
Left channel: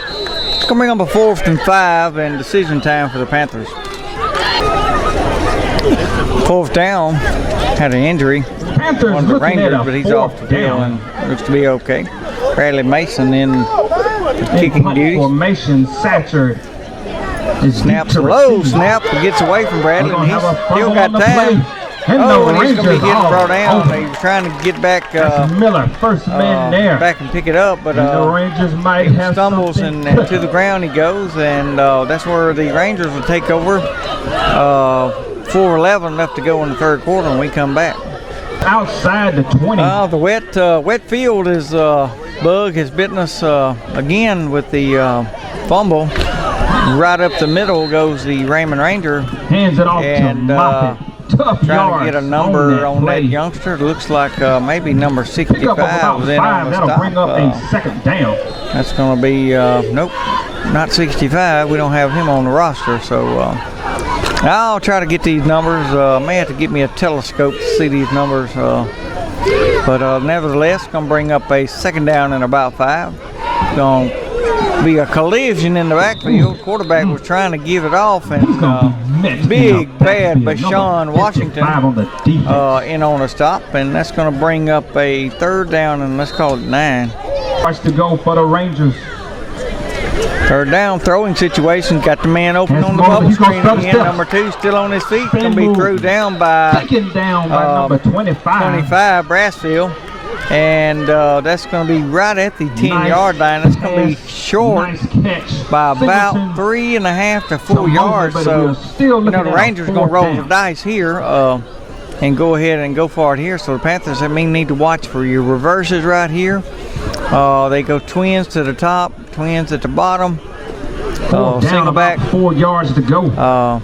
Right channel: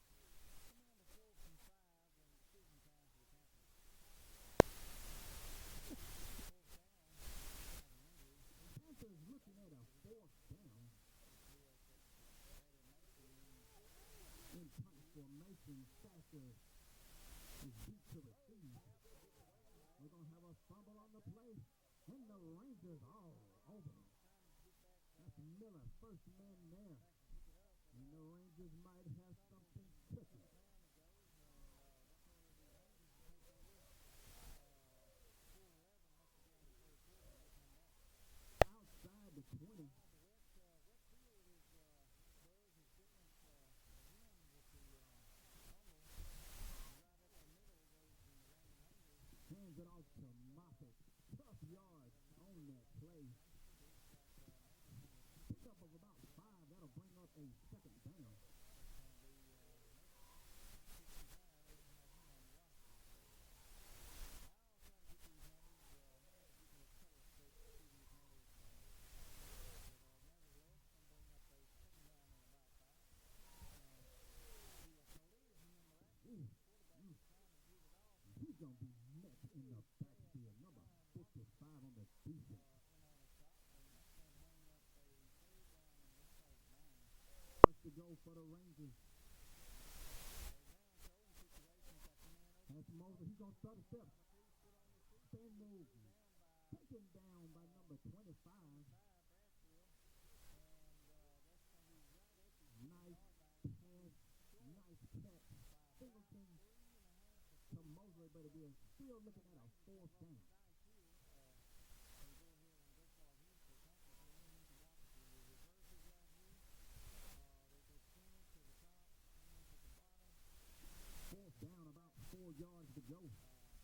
it's going to bring up a 4th and 5 and decision time for the Panthers. 4th down, had an injury Panthers on the looking Rangers, at a but he's off the fourth field down. and looks to be okay. Bradley Mason in kicking punt duties. formation. Satcher is Snaps deep a to low receive. snap, gets away from Bradley, We're and gonna he's have a still fumble got on the time. play. And Oh, the and he's going to be Rangers getting are brought down. open. He was trying to get back That's Miller, first man there. back and pick it up, but And the Rangers might he have stumbles something and to cooking. the ground he goes, and that's where the Rangers will take over. 4:11 left to go in the third quarter, and we come back. Outside the 20. The wet field is bug has bitten us again with the fumble. Right up the middle goes the Raymond Ranger, Hands it off and to Moffitt. Tough trying yards to get a number on play. that youngster. It looks like maybe number Pick up 65 about was in on 5. the That'll stop. bring up a second down. That's going to be, nope, not 65. We don't have him on the roster, so I'll try to get these numbers. May have to get me a telescope to see these numbers, but nevertheless, going to bring up a second down and about 5. Going to be a collision in the backfield. Quarterback was trying to give it off, and big bad Bashawn Washington in on a stop, and that's going to bring up a third down, and let's call it 9. Starts to go for the Rangers. Third down, throwing situation. Got the man open on the bubble screen again. Number 2 still on his feet. Going to be threw down by Taken down by number 25. 25, Brassfield. And that's going to be right at the 10-yard line. That's going to be short by about 3.5 to 4 yards. So, the Rangers going to roll the dice here and go ahead and go for it here. So, the Panthers, need to watch for your reverses right here. They go twins to the top, twins at the bottom. Single back. 4 yards to go.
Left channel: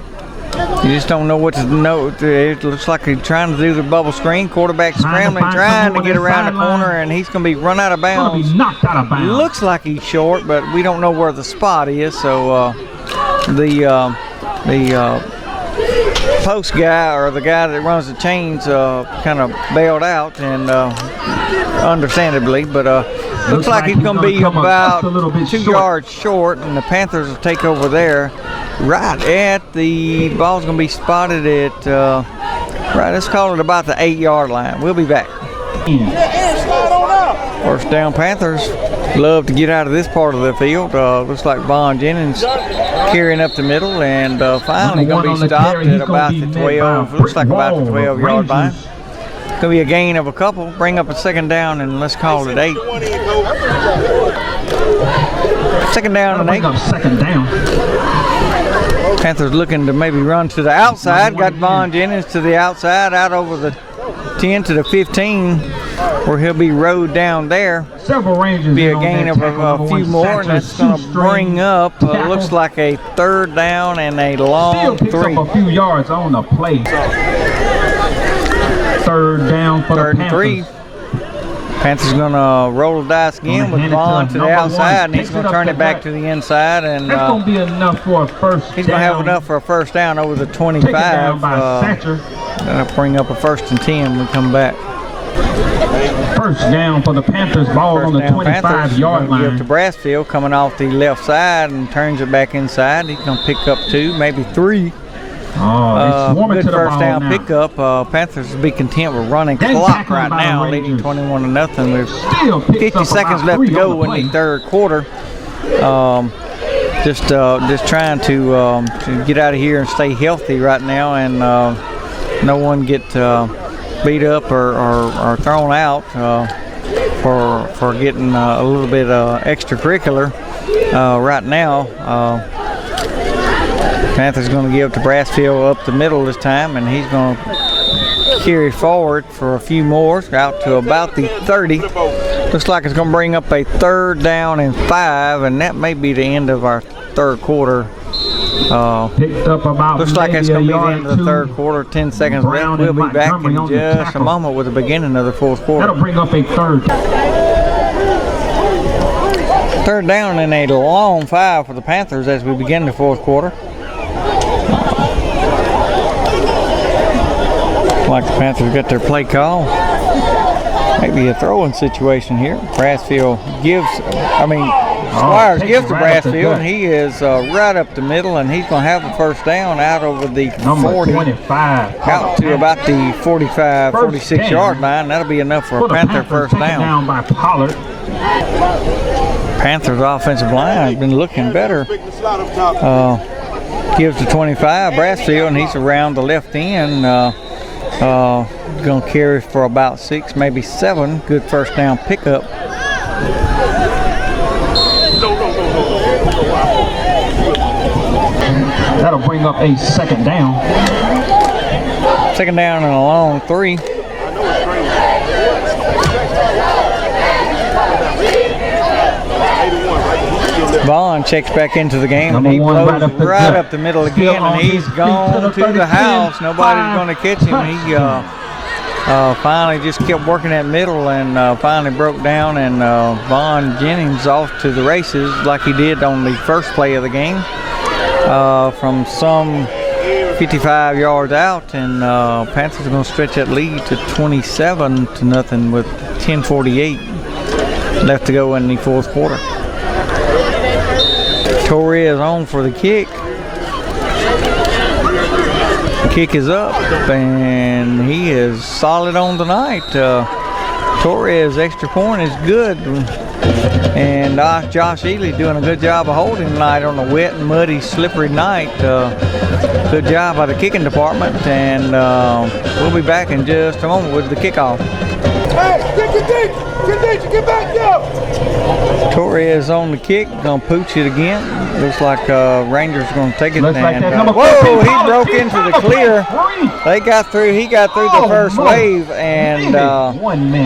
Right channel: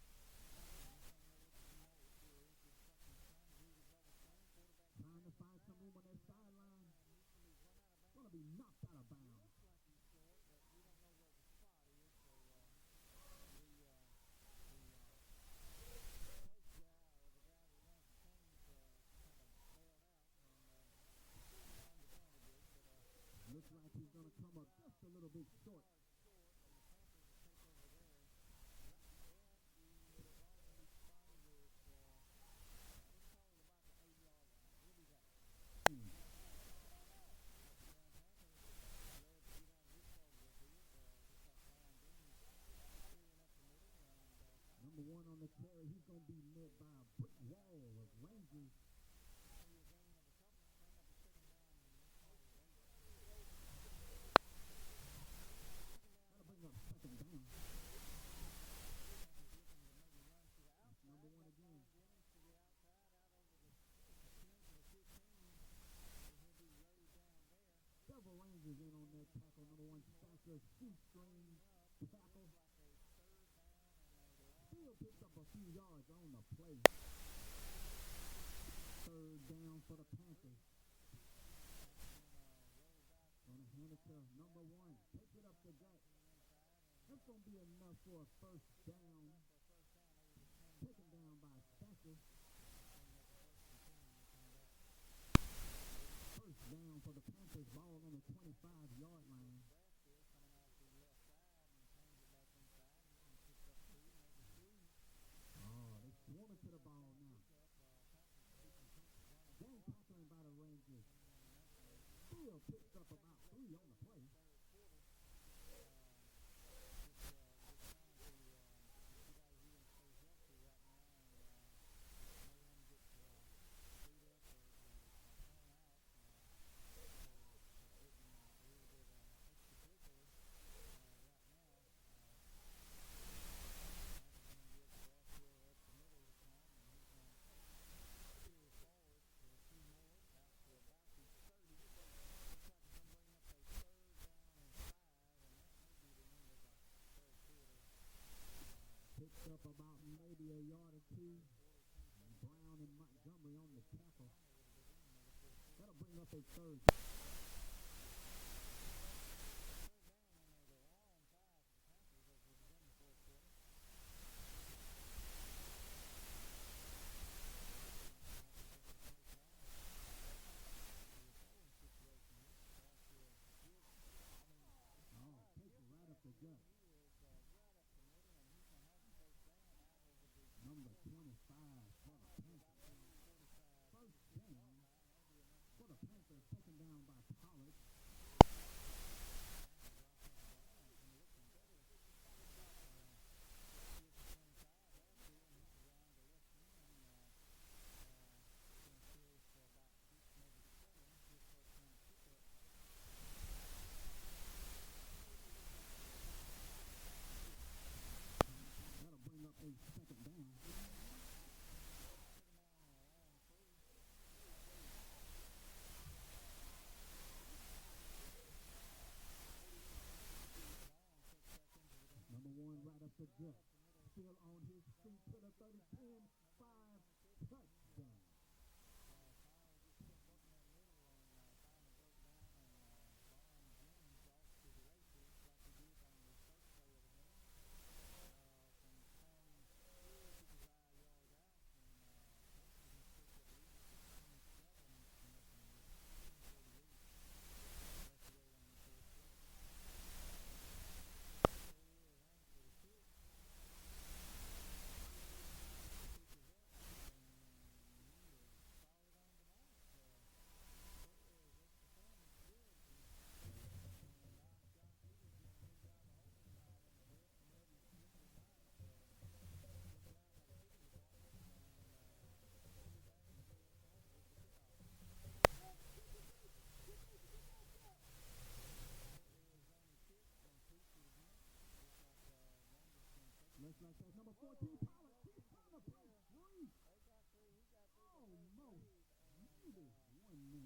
You just don't know what to know. It looks like he's trying to do the bubble screen. Quarterback scrambling, trying to get around the corner, and he's going to be run out of bounds. Be knocked out of bounds. Looks like he's short, but we don't know where the spot is. So the post guy, or the guy that runs the chains, kind of bailed out, and understandably, but looks like he's going to be about 2 yards short, and the Panthers will take over there. Right at the ball's going to be spotted at right. Let's call it about the 8-yard line. We'll be back. First down, Panthers. Love to get out of this part of the field. Looks like Vaughn Jennings carrying up the middle, and finally going to be stopped at about the 12. Looks like about the 12-yard line. Going to be a gain of a couple. Bring up a second down, and let's call it 8. Second down and 8. Second down. Panthers looking to maybe run to the outside. Got Vaughn Jennings to the outside, out over the 10 to the 15, where he'll be rode down there. Several Rangers. Be a gain of a few more, and that's going to bring up, looks like a third down and a long 3. Still picks up a few yards on the play. Third down for the Panthers. 3. Panthers going to roll the dice again with Vaughn to the outside, and he's going to turn it back to the inside, and that's going to be enough for a first down. He's going to have enough for a first down over the 25. Down by Thatcher. That'll bring up a 1st and 10 when we come back. First down for the Panthers. Ball on the 25-yard line. Give to Brassfield, coming off the left side, and turns it back inside. He's going to pick up 2, maybe 3. Good first down pickup. Panthers will be content with running clock right now, leading 21-0. There's 50 seconds left to go in the third quarter. Just trying to get out of here and stay healthy right now, and no one get beat up or thrown out for getting a little bit extracurricular right now. Panthers going to give to Brassfield up the middle this time, and he's going to carry forward for a few more out to about the 30. Looks like it's going to bring up a third down and 5, and that may be the end of our third quarter. Picked up about looks like it's going to be the end of the two. third quarter. 10 seconds left. We'll be back in just a moment with the beginning of the fourth quarter. That'll bring up a third. Third down and a long 5 for the Panthers as we begin the fourth quarter. Like the Panthers got their play call. Maybe a throwing situation here. Brassfield Squires gives to Brassfield, and he is right up the middle, and he's going to have the first down out over the 40. 25. Out to about the 45, 46-yard line. That'll be enough for a Panther first down. By Pollard. Panthers offensive line has been looking better. Gives to 25, Brassfield, and he's around the left end. Gonna carry for about 6, maybe 7. Good first down pickup. That'll bring up a second down. Second down and a long 3. Vaughn checks back into the game, and he blows right up the middle again, and he's gone to the house. Nobody's going to catch him. He finally just kept working that middle and finally broke down, and Vaughn Jennings off to the races like he did on the first play of the game from some 55 yards out, and Panthers are going to stretch that lead to 27-0 with 10:48 left to go in the fourth quarter. Torres on for the kick. The kick is up, and he is solid on the night. Torres' extra point is good, and Josh Ely doing a good job of holding tonight on a wet, muddy, slippery night. Good job by the kicking department, and we'll be back in just a moment with the kickoff. Hey, get back, yo! Torres on the kick, gonna pooch it again. Looks like Rangers gonna take it. Looks like and, that number whoa, 14 he broke into the clear. They got through. He got through the first wave, and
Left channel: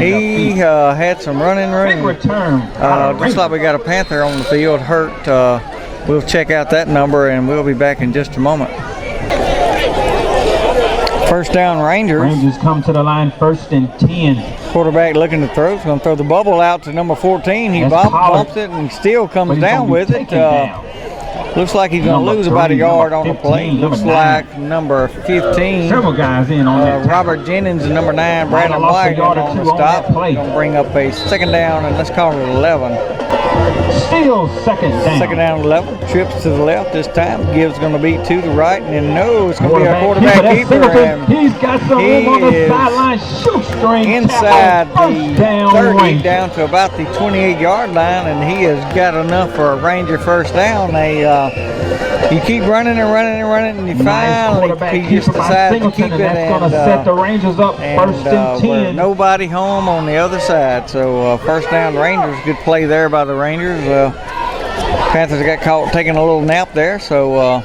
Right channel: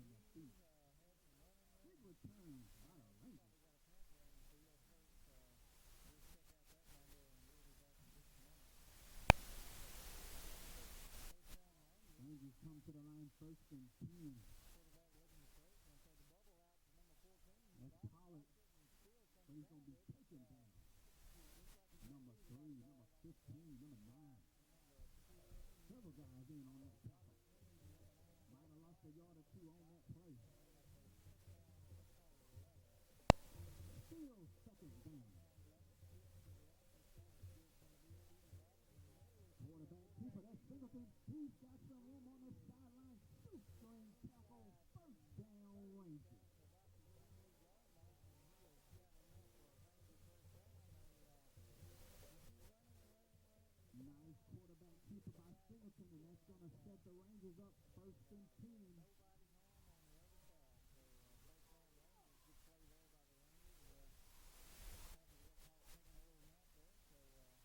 he had some running room. Looks like we got a Panther on the field hurt. We'll check out that number, and we'll be back in just a moment. First down, Rangers. Rangers come to the line, 1st and 10. Quarterback looking to throw. He's going to throw the bubble out to number 14. He bumps it and still comes down with it. Looks like he's going to lose about a yard on the play. Looks like number 15. Several guys in on that. Robert Jennings and number 9, Brandon White on the stop. Going to bring up a second down, and let's call it 11. Still second down. Second down, 11. Trips to the left this time. Gibbs going to be to the right, and then no, it's going to be a quarterback keeper. And he's got some room on the sideline. Shoestring inside the 30 range. down to about the 28-yard line, and he has got enough for a Ranger first down. You keep running and running and running, and you finally he just decides to keep it, that's going to set the Rangers up 1st and 10. Nobody home on the other side, so first down Rangers. Good play there by the Rangers. Panthers got caught taking a little nap there, so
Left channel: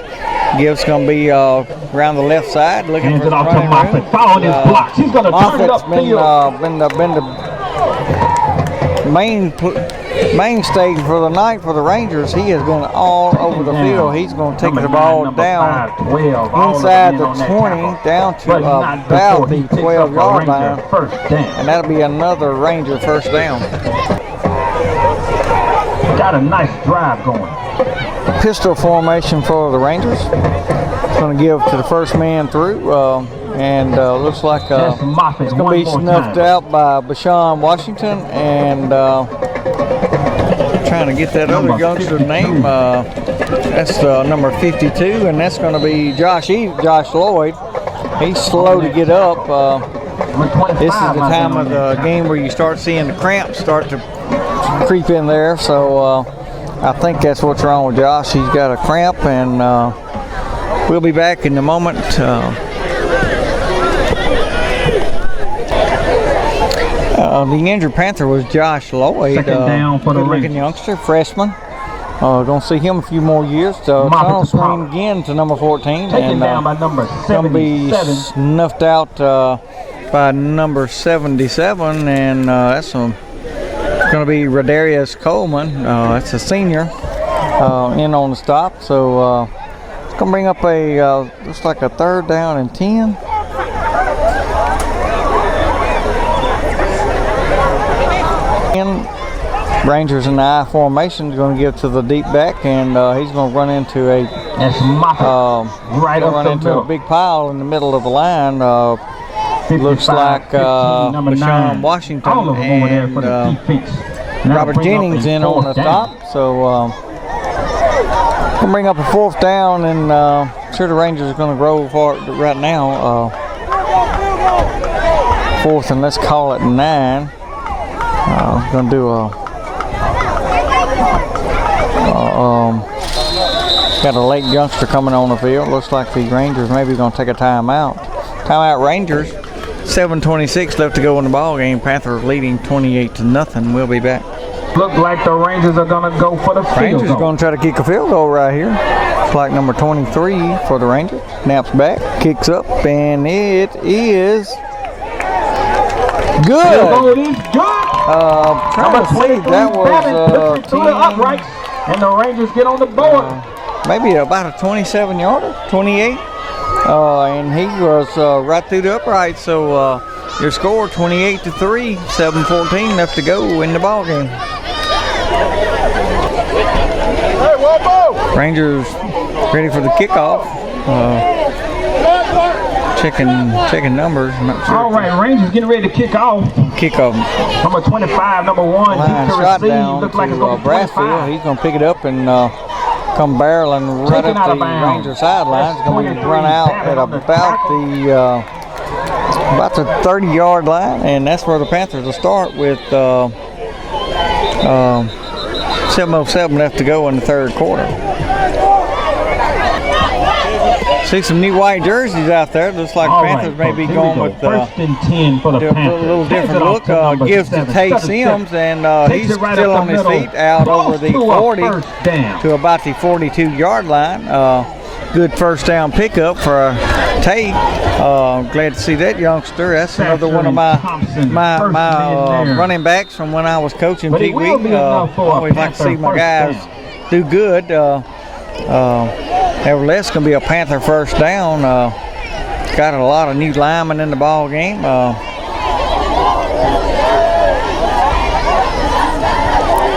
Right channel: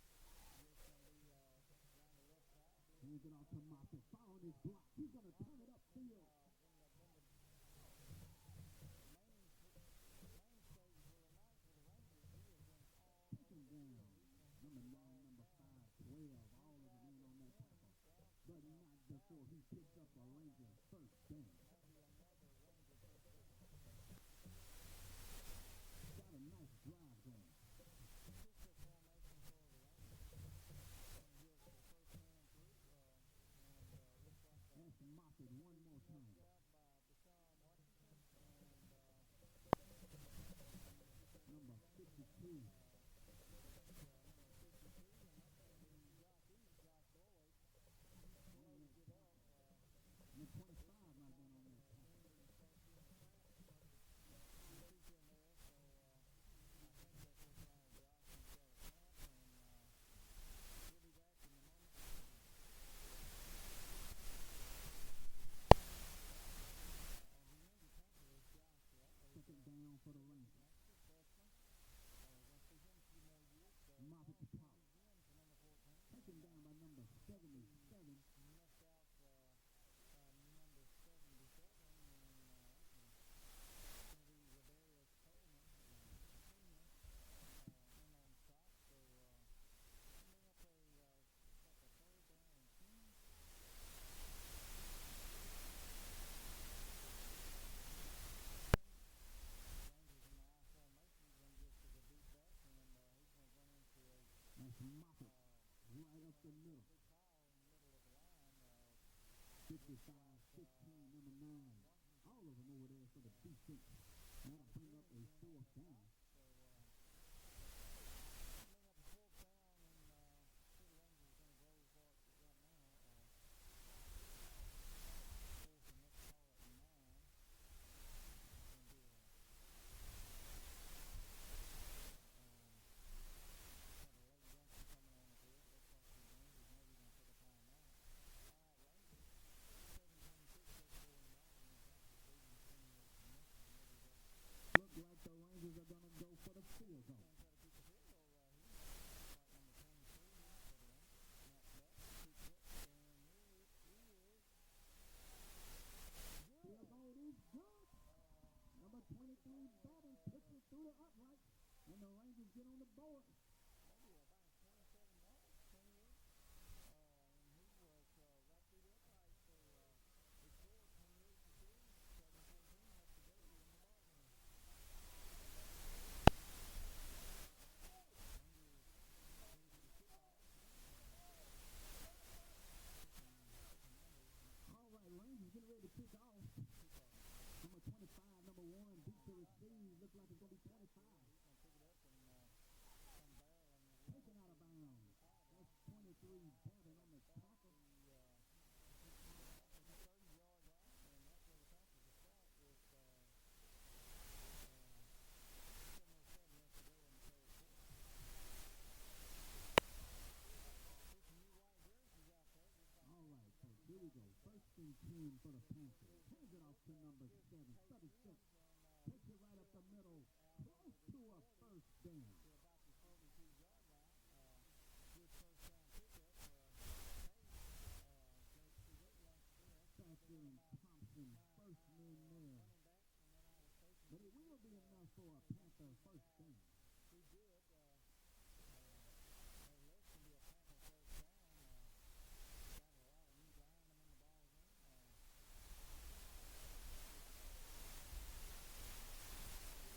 Gibbs going to be around the left side looking for the running room. Following his blocks. He's going to turn it upfield. Been the mainstay for the night for the Rangers. He has been all over the field. He's going to take the ball down inside the 20 down to about the 12-yard line, and that'll be another Ranger first down. Got a nice drive going. Pistol formation for the Rangers. It's going to give to the first man through, and looks like it's going to be snuffed out by Bashawn Washington, and trying to get that other youngster's name. That's number 52, and that's going to be Josh Lloyd. He's slow to get up. This is the time of the game where you start seeing the cramps start to creep in there, so I think that's what's wrong with Josh. He's got a cramp, and we'll be back in a moment. The injured Panther was Josh Lloyd, good-looking youngster, freshman. Gonna see him a few more years. Tunnel swing again to number 14, and gonna be snuffed out by number 77, and that's going to be Rodarius Coleman. That's a senior in on the stop, so it's going to bring up a looks like a 3rd down and 10. Rangers in the I formation is going to give to the deep back, and he's going to run into a a big pile in the middle of the line. Looks like Bashawn Washington and Robert Jennings in on the stop. So we'll bring up a 4th down, and I'm sure the Rangers are going to roll for it right now. 4th, and let's call it 9. Going to do got a late youngster coming on the field. Looks like the Rangers maybe going to take a timeout. Timeout Rangers. 7:26 left to go in the ball game. Panthers leading 28-0. We'll be back. Look like the Rangers are going to go for the field Rangers goal. going to try to kick a field goal right here. It's like number 23 for the Rangers. Snaps back, kicks up, and it is good. Field goal is good. Trying to see, that was pushes through the uprights, and the Rangers get on the board. maybe about a 27-yarder, 28. And he was right through the upright. So your score 28-3, 7:14 left to go in the ball game. Hey, one more. Rangers ready for the kickoff. Checking numbers. I'm not sure. All right, Rangers getting ready to kick off. Kickoff. Number 25, number 1, Line deep to shot receive. down Looks like it's to going to be Brassfield. 25. He's going to pick it up and come barreling right Taken up out the of bounds. Ranger sideline. It's going to be run out at about the 30-yard line, and that's where the Panthers will start with 7:07 left to go in the third quarter. See some new white jerseys out there. Looks like All Panthers right, may be folks, here going we with go. First and 10 for the a Panthers. little Hands different it off look. to number Gives to 7, Tay 7, Sims, and Takes he's it right still up on the his middle. feet out Ball over the to a 40 first down. to about the 42-yard line. Good first down pickup for Tay. Glad to see that youngster. That's another one of my running backs from when I was coaching But it Pee will Wee. be enough for a Always like to see Panther my first guys down. do good. Nevertheless, going to be a Panther first down. Got a lot of new linemen in the ball game.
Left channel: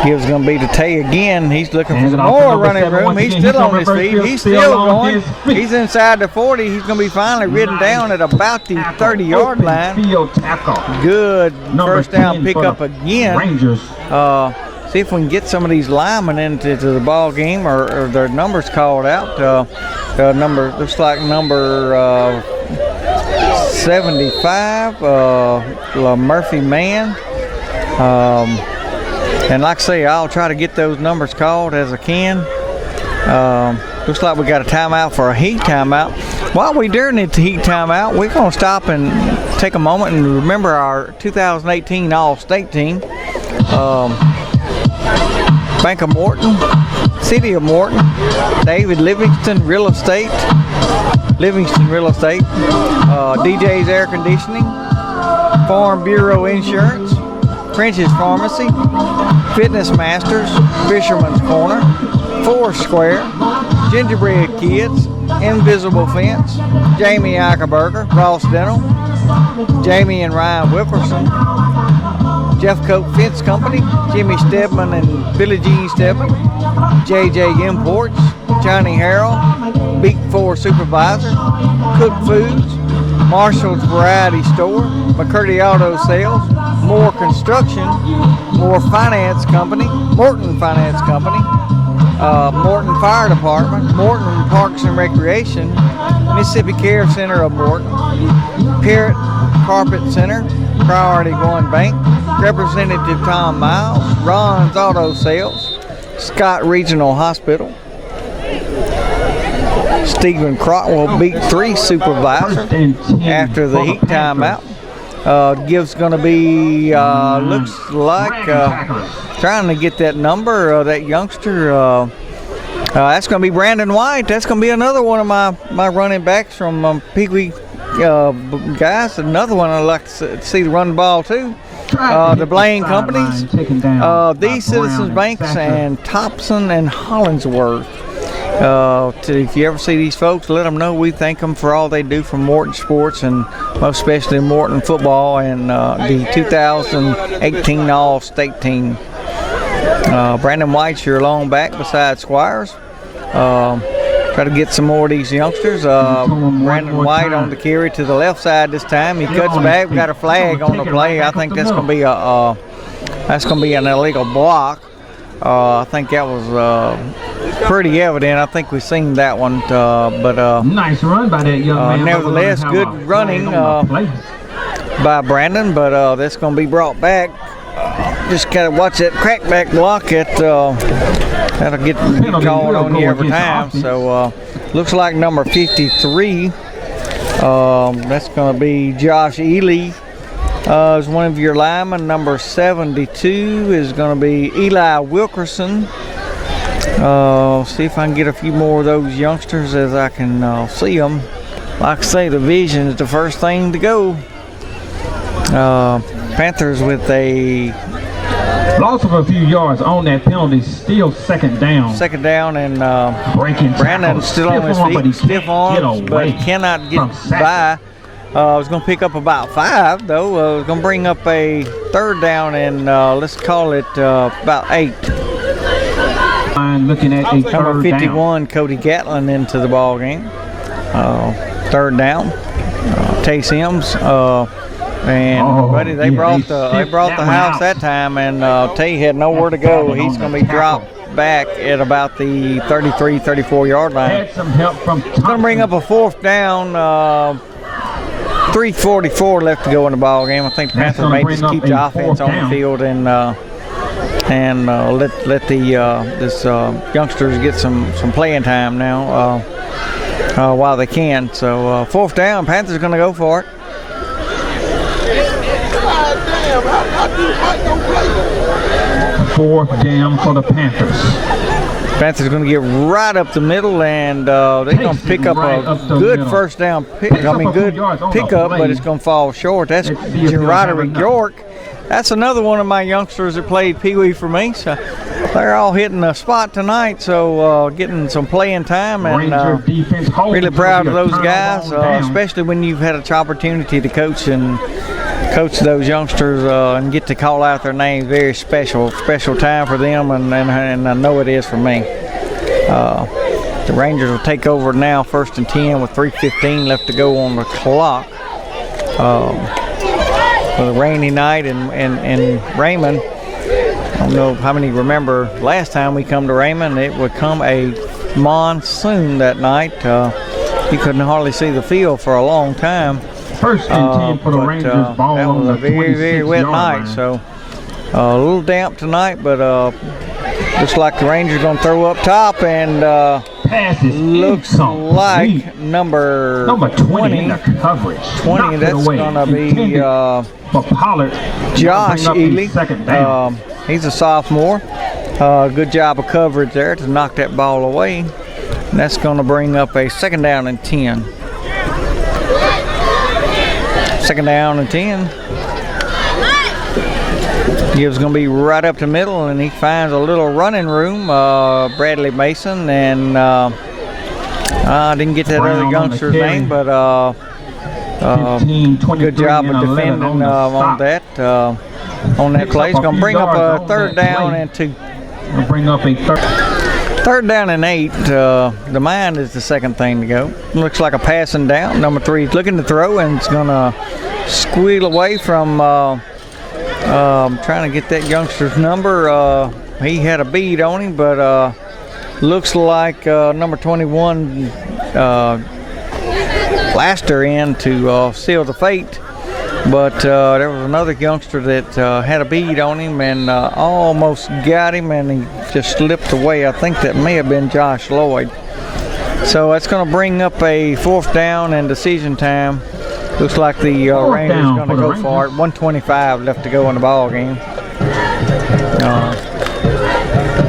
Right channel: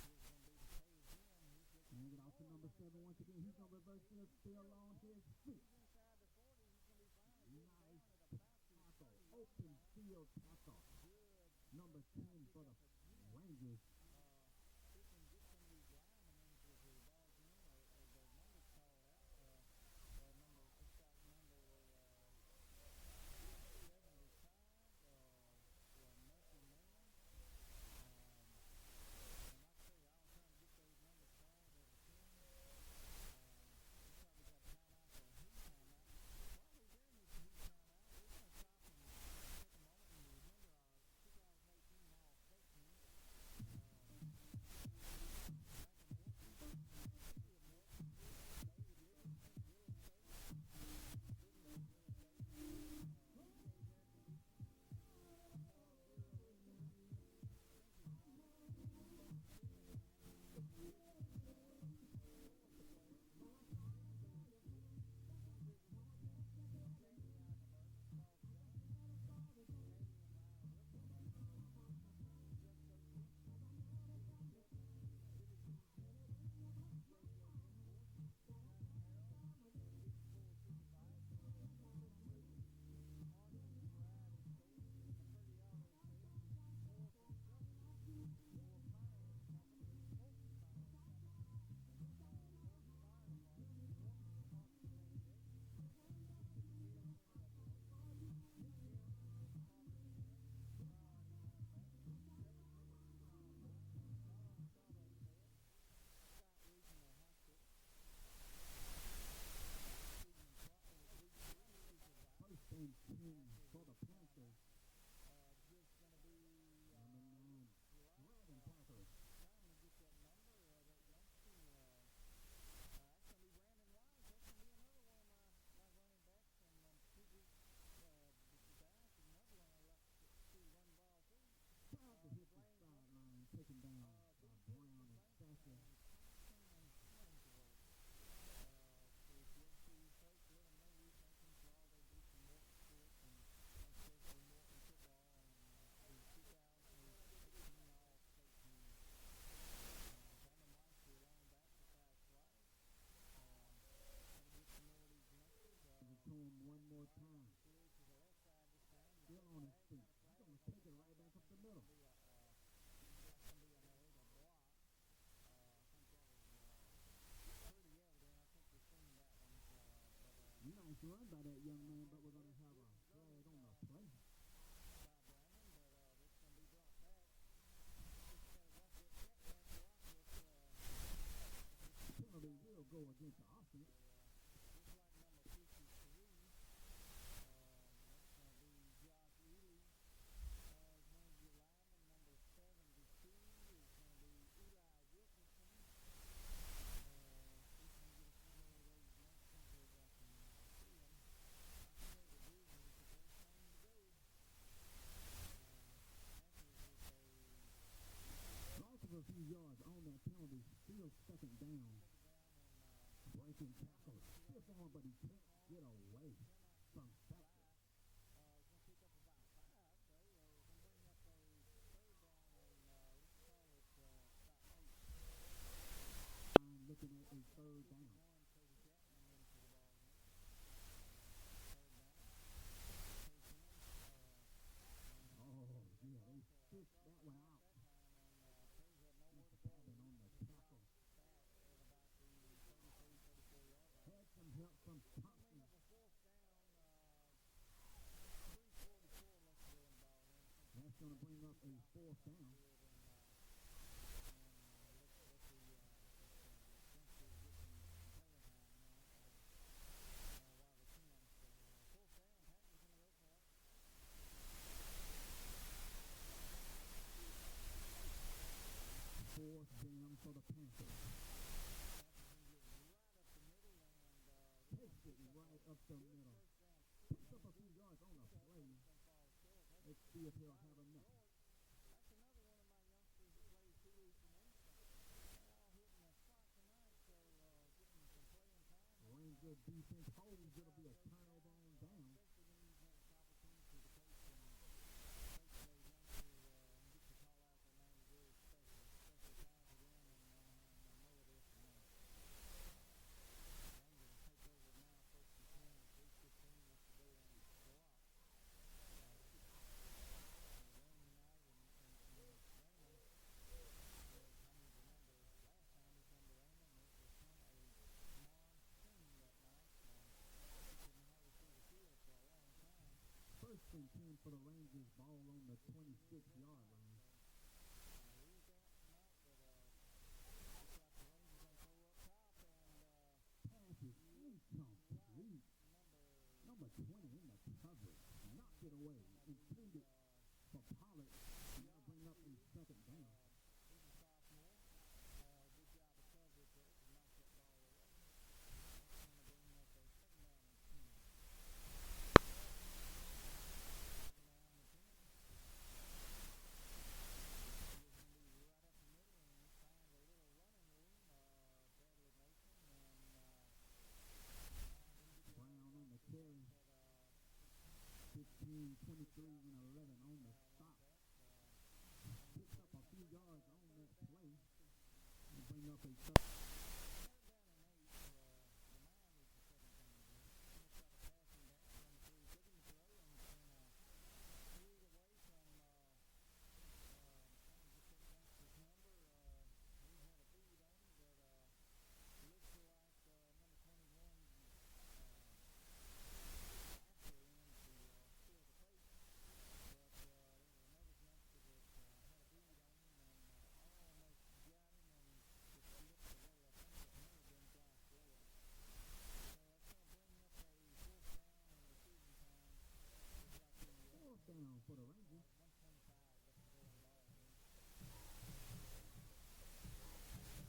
Gibbs going to be to Tay again. He's looking for Hands some it off to more number running 7 room. once He's again. still He's on on his reverse feet. field, He's still still on going. his feet. He's inside the 40. He's going to be finally ridden down at about the 30-yard line. Field tackle. Good Number first down 10 for pickup the again. Rangers. See if we can get some of these linemen into the ball game or their numbers called out. Number looks like number 75, Murphy Man. And like I say, I'll try to get those numbers called as I can. Looks like we got a timeout for a heat timeout. While we're during the heat timeout, we're going to stop and take a moment and remember our 2018 All-State team. Bank of Morton, City of Morton, David Livingston Real Estate, DJ's Air Conditioning, Farm Bureau Insurance, French's Pharmacy, Fitness Masters, Fisherman's Corner, Foursquare, Gingerbread Kids, Invisible Fence, Jamie Eichelberger, Ross Dental, Jamie and Ryan Whipperson, Jeff Coke Fence Company, Jimmy Stedman and Billie Jean Stedman, JJ Imports, Johnny Harrell, Beat 4 Supervisor, Cook Foods, Marshall's Variety Store, McCurdy Auto Sales, Moore Construction, Moore Finance Company, Morton Finance Company, Morton Fire Department, Morton Parks and Recreation, Mississippi Care Center of Morton, Parrott Carpet Center, Priority One Bank, Representative Tom Miles, Ron's Auto Sales, Scott Regional Hospital, Stephen Crotwell Beat 3 Supervisor after the heat timeout. Gives going to be, looks like, trying to get that number, that youngster. That's going to be Brandon White. That's going to be another one of my running backs from Pee Wee guys. Another one I'd like to see the run the ball too. The Blaine Companies, these Citizens Banks, and Thompson and Hollingsworth. If you ever see these folks, let them know we thank them for all they do for Morton sports, and most especially Morton football and the 2018 All-State team. Brandon White's your long back beside Squires. Try to get some more of these youngsters. Brandon White on the carry to the left side this time. He cuts back. We got a flag on the play. I think that's going to be an illegal block. I think that was pretty evident. I think we've seen that one. Nice run by that young man. Nevertheless, good running by Brandon, but that's going to be brought back. Just got to watch that crackback block. That'll get called on you every time. So looks like number 53 That's going to be Josh Ely. Is one of your linemen. Number 72 is going to be Eli Wilkerson. See if I can get a few more of those youngsters as I can see them. Like I say, the vision is the first thing to go. Panthers with a loss of a few yards on that penalty, still second down. Second down, and Breaking Brandon tackles. still on his Stiff arm, but he feet, stiff can't arms, get but away cannot get from by. I was going to pick up about 5, though. I was going to bring up a third down, and let's call it about 8. Looking at a Number third 51, down. Cody Gatlin into the ball game. Third down. Tay Sims and buddy, they brought the house that time, and Tay had nowhere to go. He's going to be dropped back at about the 33, 34 yard line. Had some help from It's going to bring up a fourth down. 3:44 left to go in the ball game. I think the Panthers may just keep the offense on the field and let the this youngsters get some playing time now while they can. So fourth down, Panthers going to go for it. Fourth down for the Panthers. Panthers going to get right up the middle, and they're going to pick up a good first down pick. Good pickup, but it's going to fall short. That's Roderick York. That's another one of my youngsters that played Pee Wee for me. So they're all hitting a spot tonight, so getting some playing time, and really proud of those guys, especially when you've had an opportunity to coach those youngsters and get to call out their names. Very special time for them, and I know it is for me. The Rangers will take over now, 1st and 10 with 3:15 left to go on the clock. For a rainy night in Raymond. I don't know how many remember last time we come to Raymond, it would come a monsoon that night. You couldn't hardly see the field for a long time. 1st and 10 for the Rangers. Ball that on was the a very, very wet night. line. So a little damp tonight, but looks like the Rangers going to throw up top, and looks like number 20 in the coverage. 20, that's going to be Pollard. Josh Ely. Second down. He's a sophomore. Good job of coverage there to knock that ball away. And that's going to bring up a 2nd down and 10. 2nd down and 10. Gibbs going to be right up the middle, and he finds a little running room. Bradley Mason, and I didn't get that other youngster's name, but 15, good job of defending on that play. It's going to bring up a 3rd down and 2. Bring up a 3rd down and 8. The mind is the second thing to go. Looks like a passing down. Number 3 is looking to throw, and it's going to squeal away from trying to get that youngster's number. He had a bead on him, but looks like number 21 Laster in to seal the fate. But there was another youngster that had a bead on him and almost got him, and he just slipped away. I think that may have been Josh Lloyd. So that's going to bring up a 4th down and decision time. Looks like the Rangers going to go for it. 1:25 left to go in the ball game.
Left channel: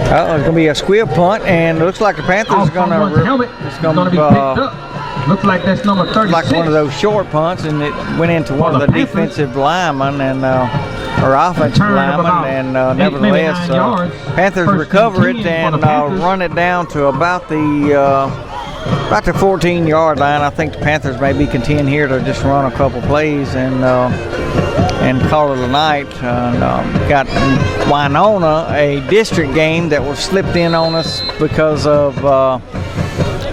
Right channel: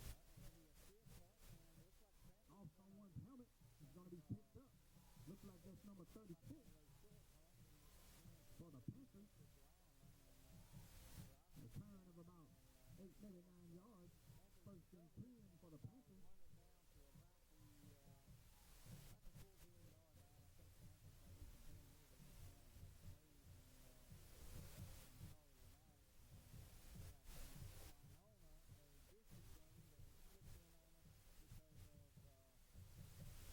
It's going to be a squib punt, and it looks like the Panthers are going to. It's going to be picked up. Looks like that's number 36. Like one of those short punts, and it went into one of the defensive linemen and or offensive linemen, and nevertheless, Panthers recover it and run it down to about the 14-yard line. I think the Panthers may be content here to just run a couple plays and call it a night. Got Winona, a district game that was slipped in on us because of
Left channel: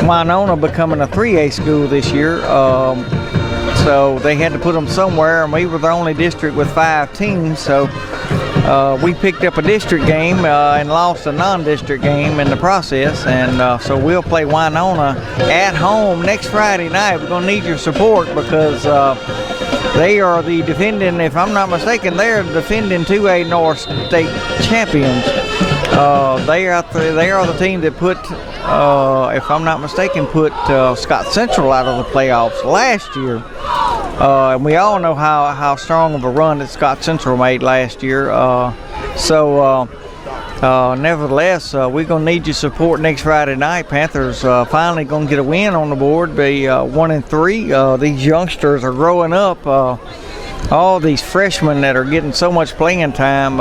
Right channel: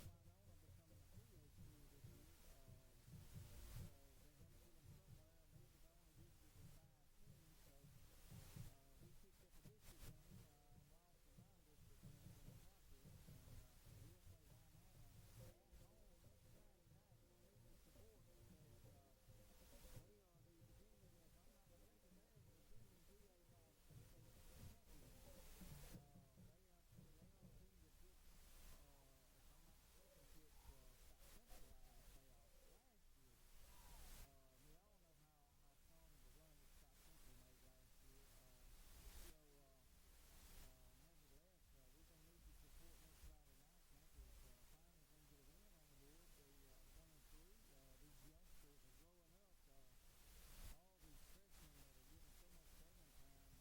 Winona becoming a 3A school this year. So they had to put them somewhere, and we were the only district with 5 teams. So we picked up a district game and lost a non-district game in the process. And so we'll play Winona at home next Friday night. We're going to need your support because they are the defending, if I'm not mistaken, they're the defending 2A North State champions. They are the team that put if I'm not mistaken, put Scott Central out of the playoffs last year. And we all know how strong of a run that Scott Central made last year. Nevertheless, we're going to need your support next Friday night. Panthers finally going to get a win on the board, be 1-3. These youngsters are growing up. All these freshmen that are getting so much playing time,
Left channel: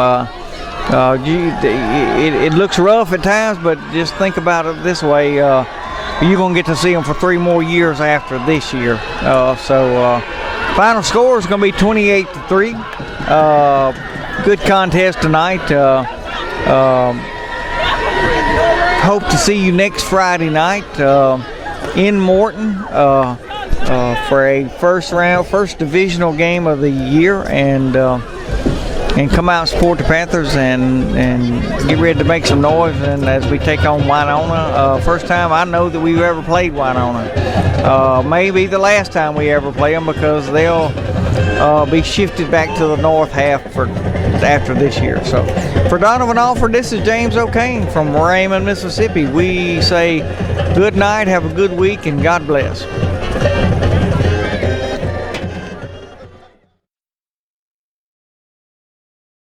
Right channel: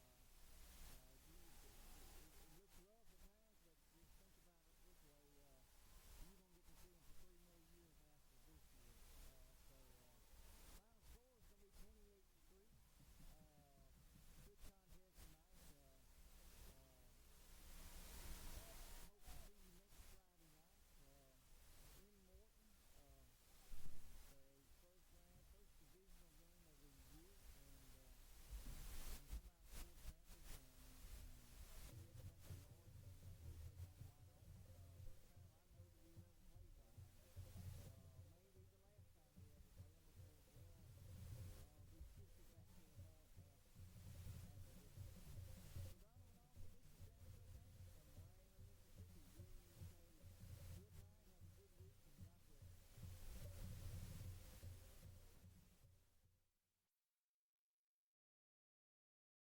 it looks rough at times, but just think about it this way. You're going to get to see them for 3 more years after this year. Final score is going to be 28-3. Good contest tonight. Hope to see you next Friday night in Morton for a first divisional game of the year, and come out and support the Panthers and get ready to make some noise. And as we take on Winona, first time I know that we've ever played Winona. Maybe the last time we ever play them, because they'll be shifted back to the north half after this year. So for Donovan Alford, this is James O'Kane from Raymond, Mississippi. We say good night, have a good week, and God bless.